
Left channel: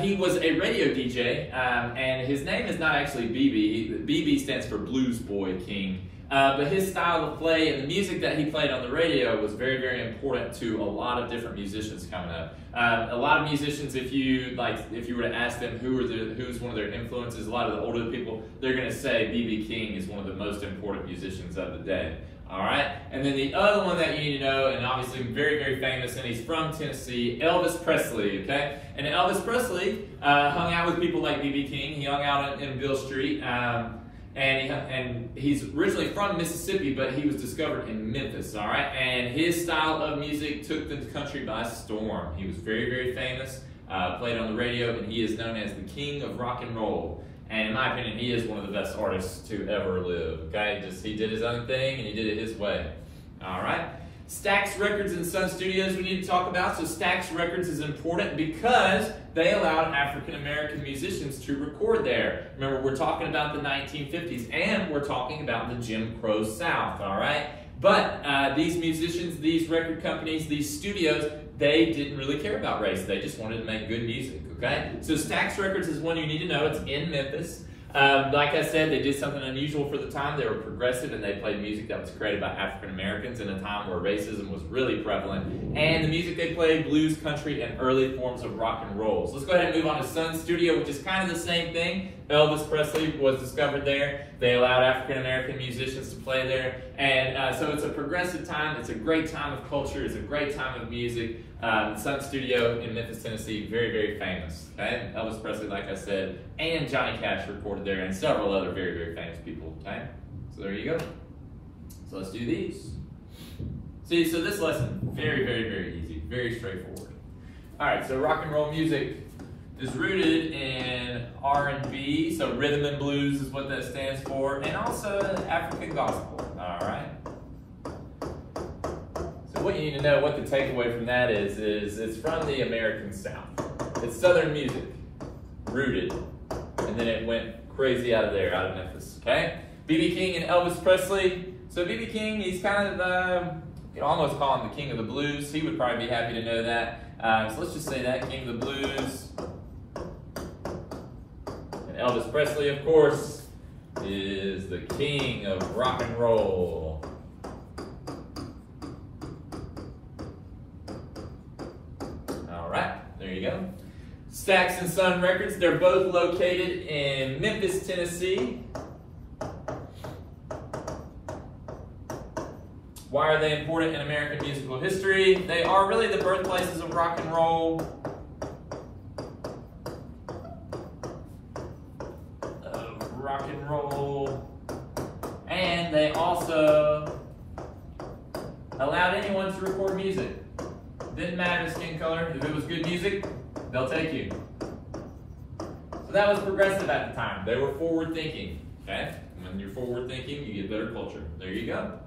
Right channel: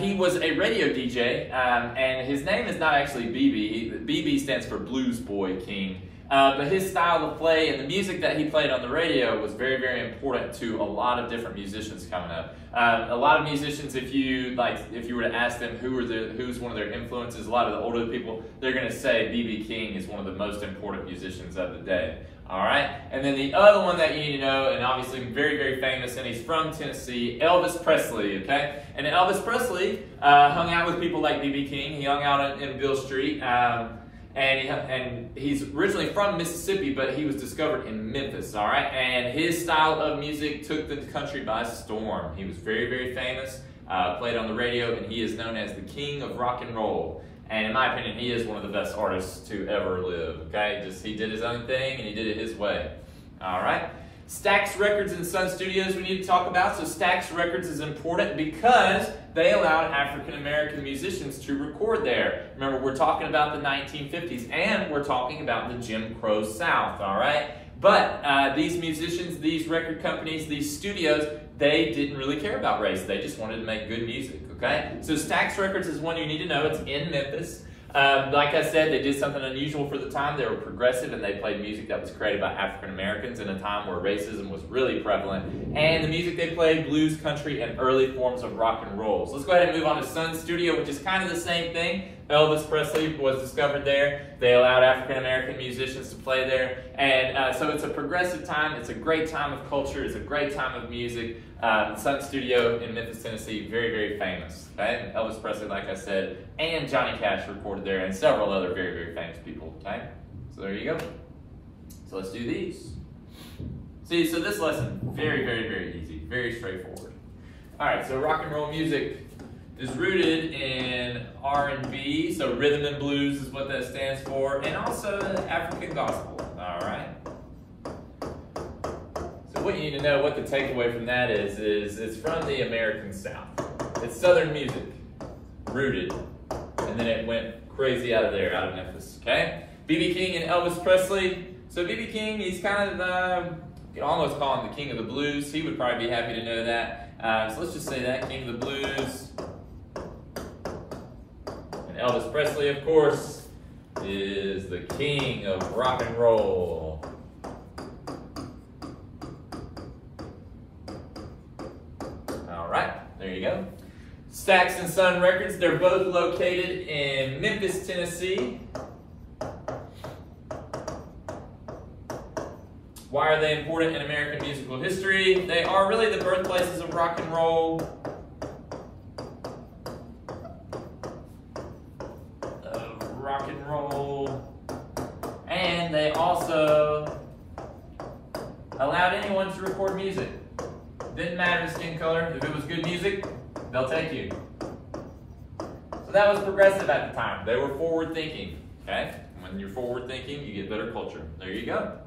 He was a radio DJ, and his name is not actually BB. BB stands for Blues Boy King. But his style of play and the music that he played on the radio was very, very important to a lot of different musicians coming up. A lot of musicians, if you were to ask them who's one of their influences, a lot of the older people, they're going to say B.B. King is one of the most important musicians of the day. All right, and then the other one that you need to know, and obviously very, very famous, and he's from Tennessee, Elvis Presley, okay? And Elvis Presley hung out with people like B.B. King. He hung out in Beale Street, and he's originally from Mississippi, but he was discovered in Memphis, all right? And his style of music took the country by storm. He was very, very famous, played on the radio, and he is known as the king of rock and roll. And in my opinion, he is one of the best artists to ever live, okay? He did his own thing, and he did it his way, all right? Stax Records and Sun Studios we need to talk about. So Stax Records is important because they allowed African-American musicians to record there. Remember, we're talking about the 1950s, and we're talking about the Jim Crow South, all right? But these musicians, these record companies, these studios, they didn't really care about race. They just wanted to make good music, okay? So Stax Records is one you need to know. It's in Memphis. Like I said, they did something unusual for the time. They were progressive, and they played music that was created by African Americans in a time where racism was really prevalent. And the music they played, blues, country, and early forms of rock and roll. So let's go ahead and move on to Sun Studio, which is kind of the same thing. Elvis Presley was discovered there. They allowed African American musicians to play there. And so it's a progressive time. It's a great time of culture. It's a great time of music. Sun Studio in Memphis, Tennessee, very, very famous. Okay? Elvis Presley, like I said, and Johnny Cash recorded there, and several other very, very famous people. Okay? So there you go. So let's do these. See, so this lesson, very, very, very easy, very straightforward. All right, so rock and roll music is rooted in R&B, so rhythm and blues is what that stands for, and also African gospel. All right. So what you need to know, what the takeaway from that is it's from the American South. It's Southern music, rooted, and then it went crazy out of there, out of Memphis, okay? B.B. King and Elvis Presley. So B.B. King, he's kind of, you can almost call him the king of the blues. He would probably be happy to know that. So let's just say that, king of the blues. And Elvis Presley, of course, is the king of rock and roll. All right, there you go. Stax and Sun Records, they're both located in Memphis, Tennessee. Why are they important in American musical history? They are really the birthplaces of rock and roll. And they also allowed anyone to record music. Didn't matter the skin color. If it was good music, they'll take you. So that was progressive at the time. They were forward thinking. Okay? When you're forward thinking, you get better culture. There you go.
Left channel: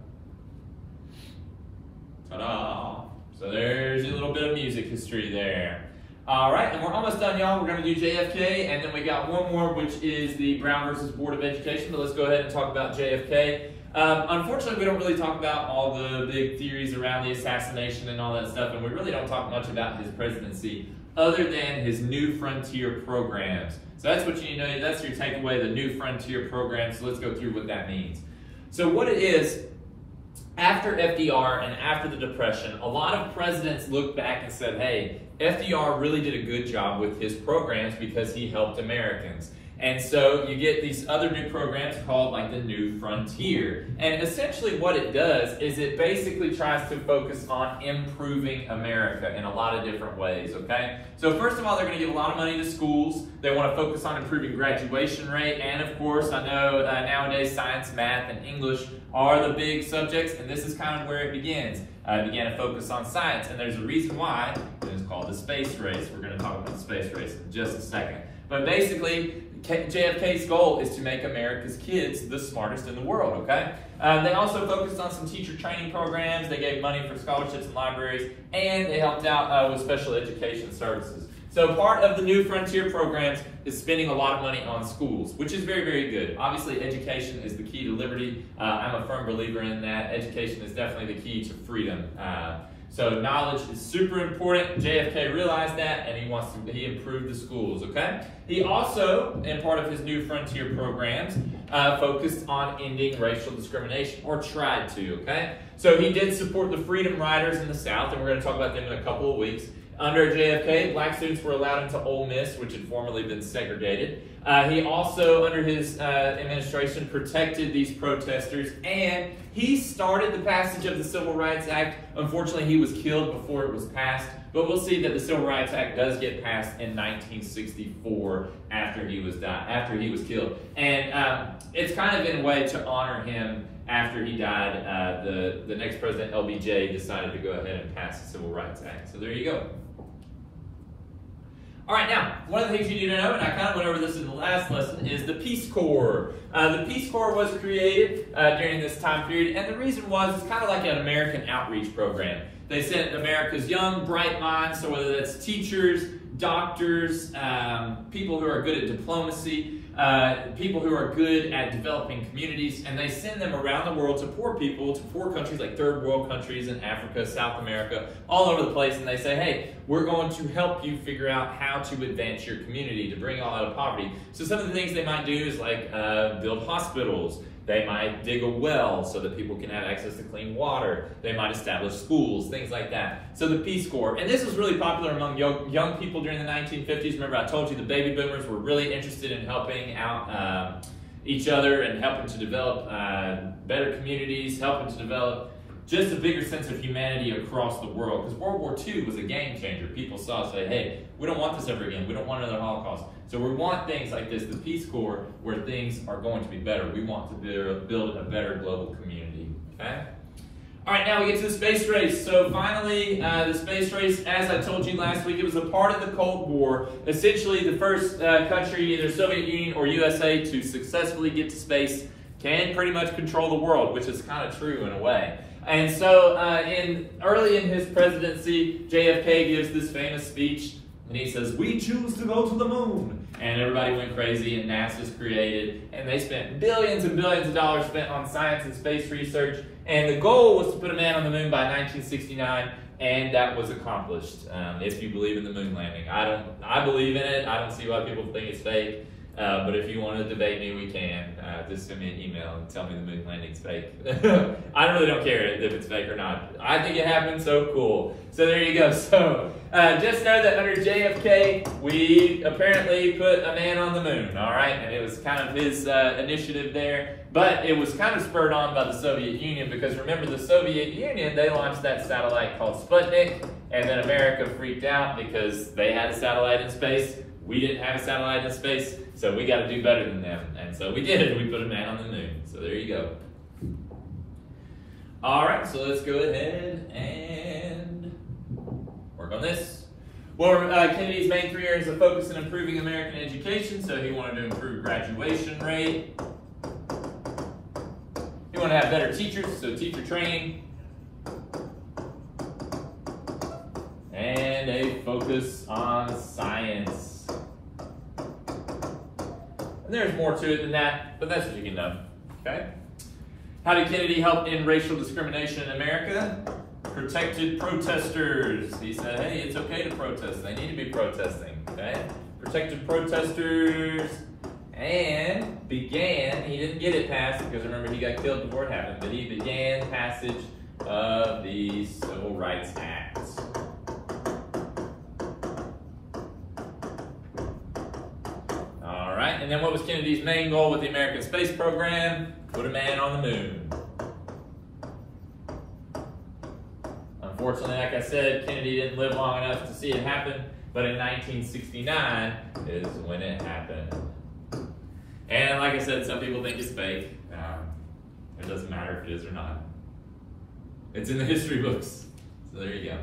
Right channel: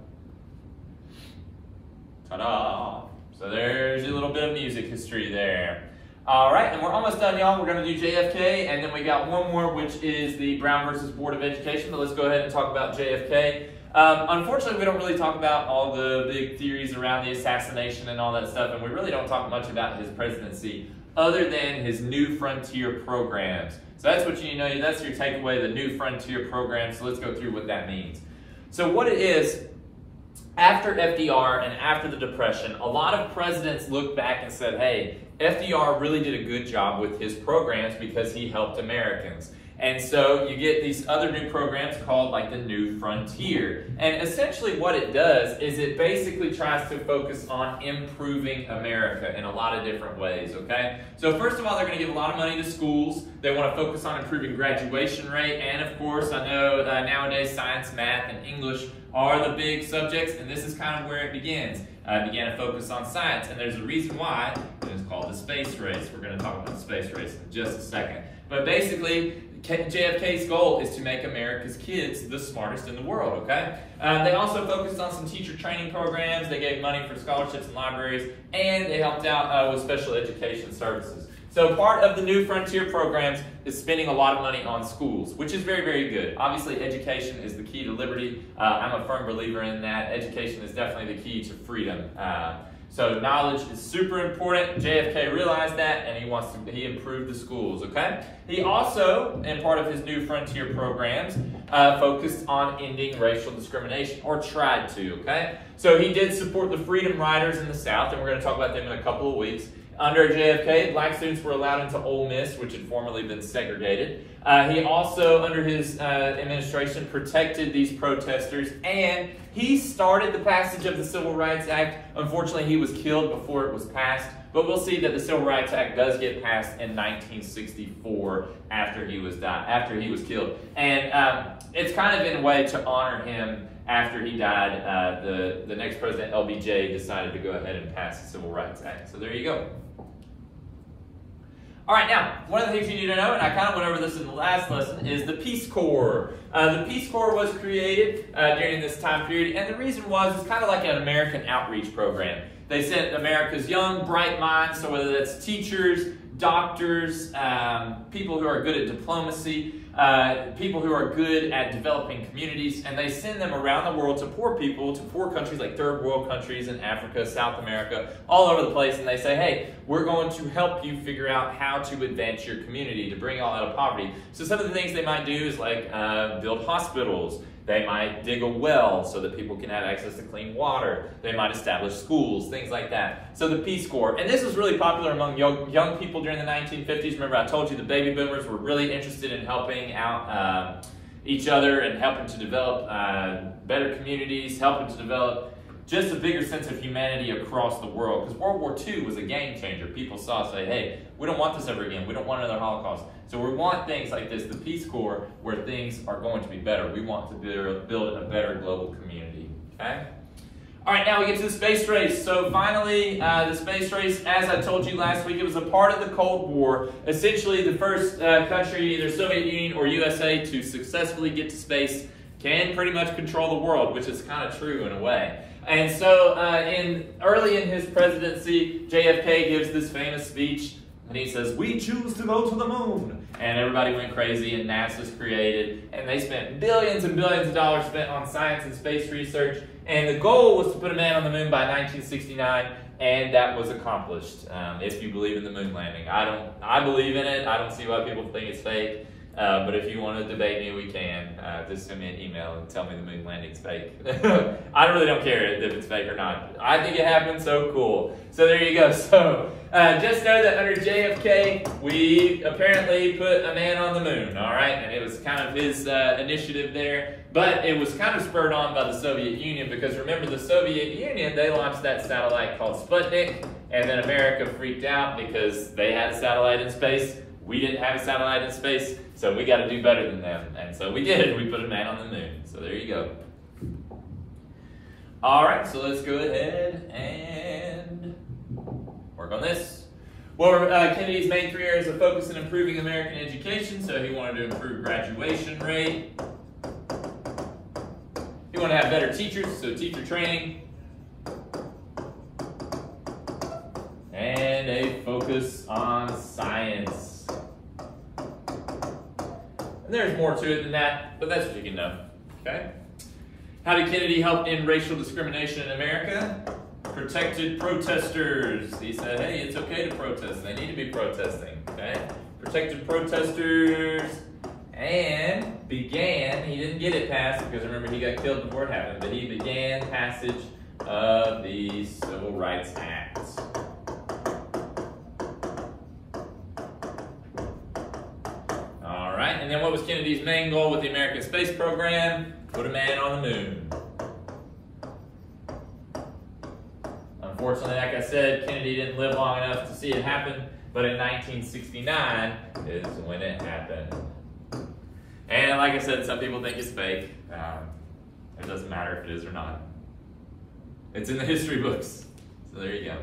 Ta-da! So there's a little bit of music history there. All right, and we're almost done, y'all. We're going to do JFK, and then we got one more, which is the Brown versus Board of Education. But let's go ahead and talk about JFK. Unfortunately, we don't really talk about all the big theories around the assassination and all that stuff, and we really don't talk much about his presidency other than his New Frontier programs. So that's what you need to know. That's your takeaway, the New Frontier program. So let's go through what that means. So what it is, after FDR and after the Depression, a lot of presidents looked back and said, hey, FDR really did a good job with his programs because he helped Americans. And so you get these other new programs called like the New Frontier. And essentially what it does is it basically tries to focus on improving America in a lot of different ways, okay? So first of all, they're going to give a lot of money to schools. They want to focus on improving graduation rate. And of course, I know nowadays science, math, and English are the big subjects, and this is kind of where it begins. It began to focus on science, and there's a reason why, and it's called the space race. We're going to talk about the space race in just a second. But basically, JFK's goal is to make America's kids the smartest in the world, okay? They also focused on some teacher training programs. They gave money for scholarships and libraries, and they helped out with special education services. So part of the New Frontier programs is spending a lot of money on schools, which is very, very good. Obviously, education is the key to liberty. I'm a firm believer in that. Education is definitely the key to freedom. So knowledge is super important. JFK realized that, and he improved the schools, okay? He also, in part of his New Frontier programs, focused on ending racial discrimination, or tried to, okay? So he did support the Freedom Riders in the South, and we're going to talk about them in a couple of weeks. Under JFK, black students were allowed into Ole Miss, which had formerly been segregated. He also, under his administration, protected these protesters, and he started the passage of the Civil Rights Act. Unfortunately, he was killed before it was passed, but we'll see that the Civil Rights Act does get passed in 1964 after he was killed. And it's kind of in a way to honor him. After he died, the next president, LBJ, decided to go ahead and pass the Civil Rights Act. So there you go. All right, now, one of the things you need to know, and I kind of went over this in the last lesson, is the Peace Corps. The Peace Corps was created during this time period, and the reason was it's kind of like an American outreach program. They sent America's young, bright minds, so whether that's teachers, doctors, people who are good at diplomacy, people who are good at developing communities, and they send them around the world to poor people, to poor countries like third world countries in Africa, South America, all over the place, and they say, hey, we're going to help you figure out how to advance your community, to bring you all out of poverty. So some of the things they might do is like build hospitals. They might dig a well so that people can have access to clean water. They might establish schools, things like that. So the Peace Corps, and this was really popular among young people during the 1950s. Remember, I told you the baby boomers were really interested in helping out each other and helping to develop better communities, helping to develop just a bigger sense of humanity across the world. Because World War II was a game changer. People saw, say, hey, we don't want this ever again. We don't want another Holocaust. So we want things like this, the Peace Corps, where things are going to be better. We want to build a better global community, okay? All right, now we get to the space race. So finally, the space race, as I told you last week, it was a part of the Cold War. Essentially, the first country, either Soviet Union or USA, to successfully get to space can pretty much control the world, which is kind of true in a way. And so early in his presidency, JFK gives this famous speech, and he says, "We choose to go to the moon." And everybody went crazy, and NASA's created, and they spent billions and billions of dollars spent on science and space research, and the goal was to put a man on the moon by 1969, and that was accomplished, if you believe in the moon landing. I believe in it. I don't see why people think it's fake. But if you want to debate me, we can. Just send me an email and tell me the moon landing's fake. I really don't care if it's fake or not. I think it happened, so cool. So there you go. So just know that under JFK, we apparently put a man on the moon, all right? And it was kind of his initiative there. But it was kind of spurred on by the Soviet Union, because remember, the Soviet Union, they launched that satellite called Sputnik, and then America freaked out because they had a satellite in space. We didn't have a satellite in space, so we got to do better than them. And so we did. We put a man on the moon. So there you go. All right, so let's go ahead and work on this. Well, Kennedy's main 3 areas of focus in improving American education. So he wanted to improve graduation rate. He wanted to have better teachers, so teacher training. And a focus on science. And there's more to it than that, but that's what you can know, okay? How did Kennedy help in racial discrimination in America? Protected protesters. He said, hey, it's okay to protest. They need to be protesting, okay? Protected protesters. And began, he didn't get it passed because remember he got killed before it happened, but he began passage of the Civil Rights Act. All right, and then what was Kennedy's main goal with the American space program? Put a man on the moon. Unfortunately, like I said, Kennedy didn't live long enough to see it happen, but in 1969 is when it happened. And like I said, some people think it's fake. It doesn't matter if it is or not. It's in the history books. So there you go.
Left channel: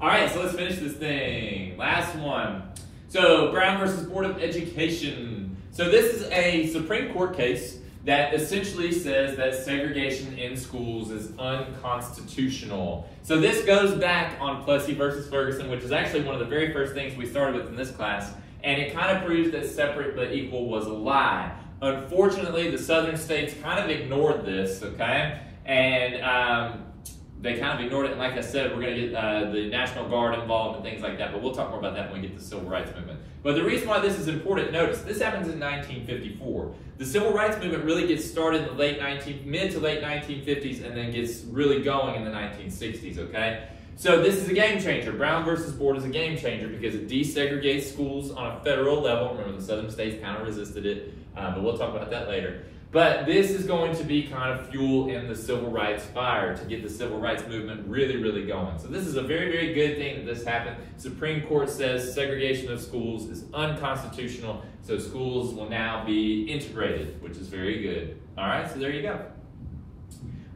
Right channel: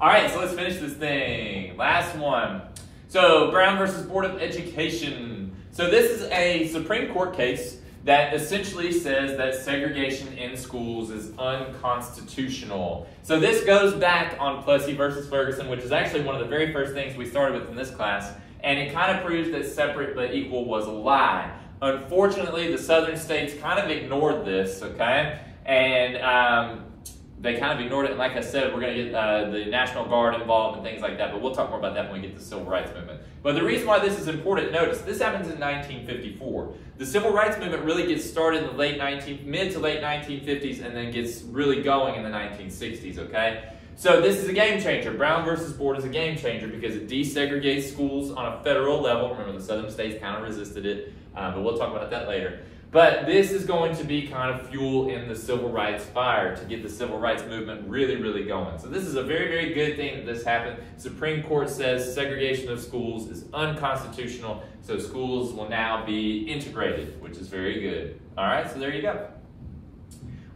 All right, so let's finish this thing. Last one. So Brown versus Board of Education. So this is a Supreme Court case that essentially says that segregation in schools is unconstitutional. So this goes back on Plessy versus Ferguson, which is actually one of the very first things we started with in this class. And it kind of proves that separate but equal was a lie. Unfortunately, the southern states kind of ignored this, okay? And they kind of ignored it. And like I said, we're going to get the National Guard involved and things like that. But we'll talk more about that when we get to the Civil Rights Movement. But the reason why this is important, notice, this happens in 1954. The Civil Rights Movement really gets started in the mid to late 1950s and then gets really going in the 1960s, okay? So this is a game changer. Brown versus Board is a game changer because it desegregates schools on a federal level. Remember, the southern states kind of resisted it, but we'll talk about that later. But this is going to be kind of fuel in the civil rights fire to get the civil rights movement really, really going. So this is a very, very good thing that this happened. Supreme Court says segregation of schools is unconstitutional, so schools will now be integrated, which is very good. All right, so there you go.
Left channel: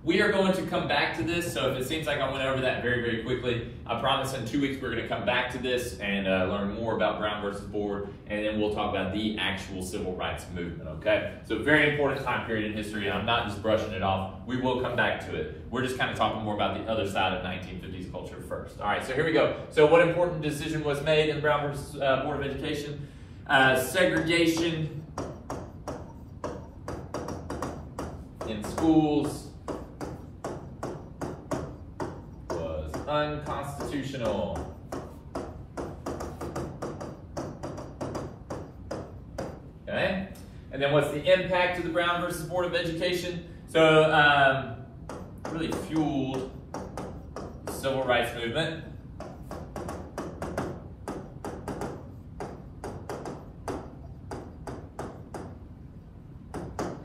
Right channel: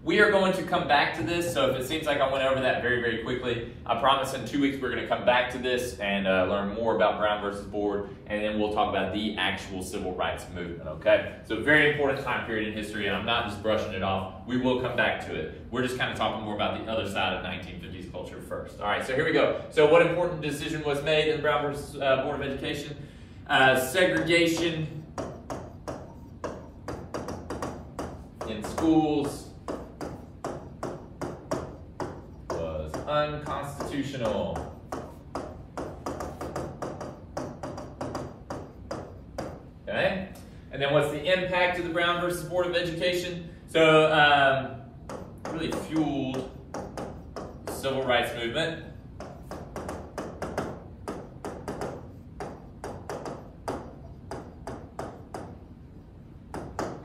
We are going to come back to this, so if it seems like I went over that very, very quickly, I promise in 2 weeks we're going to come back to this and learn more about Brown versus Board, and then we'll talk about the actual civil rights movement, okay? So very important time period in history, and I'm not just brushing it off. We will come back to it. We're just kind of talking more about the other side of 1950s culture first. All right, so here we go. So what important decision was made in Brown versus Board of Education? Segregation in schools unconstitutional. Okay, and then what's the impact of the Brown versus Board of Education? So really fueled the civil rights movement.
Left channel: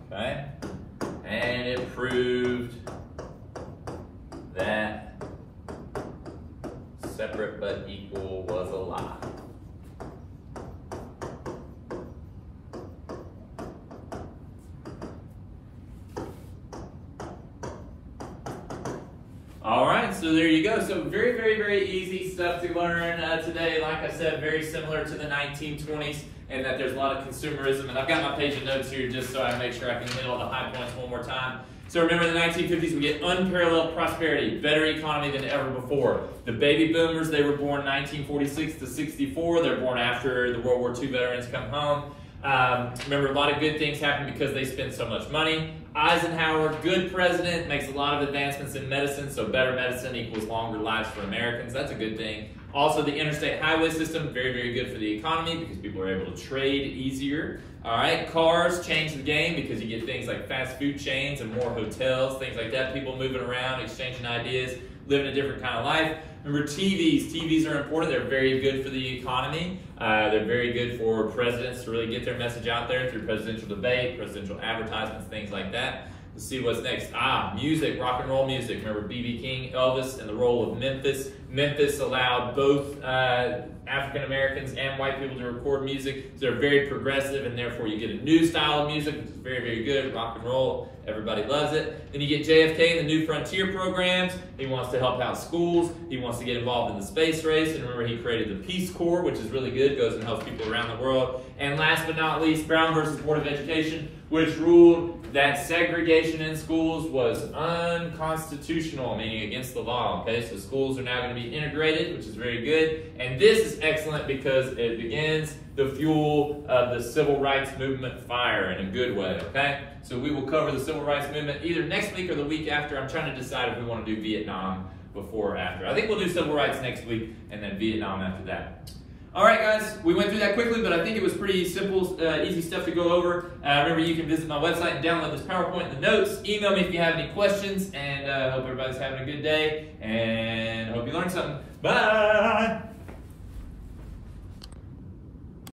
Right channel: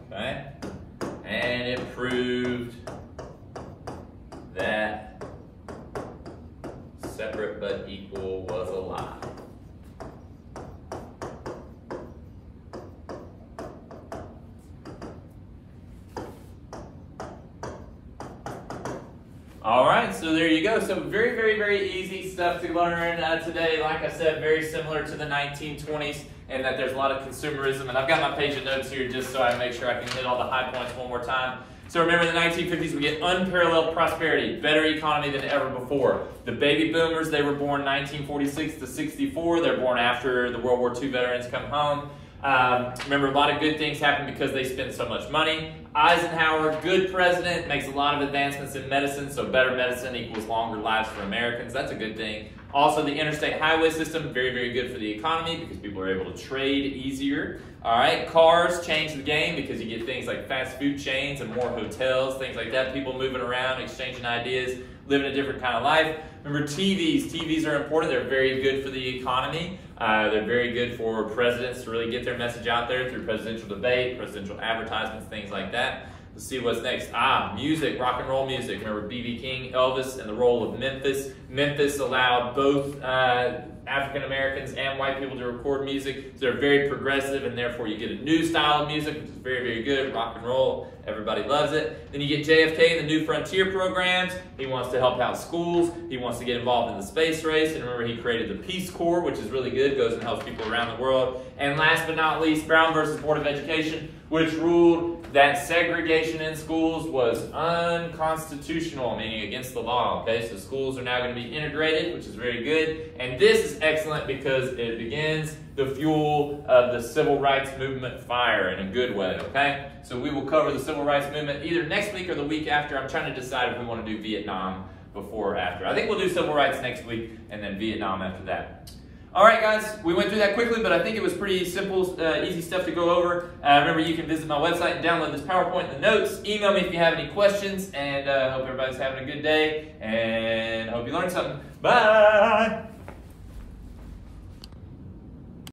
Okay, and it proved that separate but equal was a lie. All right, so there you go. So very, very, very easy stuff to learn today. Like I said, very similar to the 1920s in that there's a lot of consumerism. And I've got my page of notes here just so I make sure I can hit all the high points one more time. So remember, in the 1950s, we get unparalleled prosperity, better economy than ever before. The baby boomers, they were born 1946 to 64. They're born after the World War II veterans come home. Remember, a lot of good things happen because they spend so much money. Eisenhower, good president, makes a lot of advancements in medicine, so better medicine equals longer lives for Americans. That's a good thing. Also, the interstate highway system, very, very good for the economy because people are able to trade easier. All right, cars change the game because you get things like fast food chains and more hotels, things like that. People moving around, exchanging ideas, living a different kind of life. Remember TVs. TVs are important. They're very good for the economy. They're very good for presidents to really get their message out there through presidential debate, presidential advertisements, things like that. Let's see what's next. Music, rock and roll music. Remember B.B. King, Elvis, and the role of Memphis. Memphis allowed both African Americans and white people to record music. So they're very progressive, and therefore you get a new style of music, which is very, very good. Rock and roll, everybody loves it. Then you get JFK and the New Frontier programs. He wants to help out schools. He wants to get involved in the space race. And remember, he created the Peace Corps, which is really good. Goes and helps people around the world. And last but not least, Brown versus Board of Education, which ruled that segregation in schools was unconstitutional, meaning against the law. Okay, so schools are now going to be integrated, which is very good. And this is excellent because it begins the fuel of the civil rights movement fire in a good way. Okay, so we will cover the civil rights movement either next week or the week after. I'm trying to decide if we want to do Vietnam before or after. I think we'll do civil rights next week and then Vietnam after that. All right, guys, we went through that quickly, but I think it was pretty simple, easy stuff to go over. Remember, you can visit my website and download this PowerPoint and the notes. Email me if you have any questions, and hope everybody's having a good day, and hope you learned something. Bye!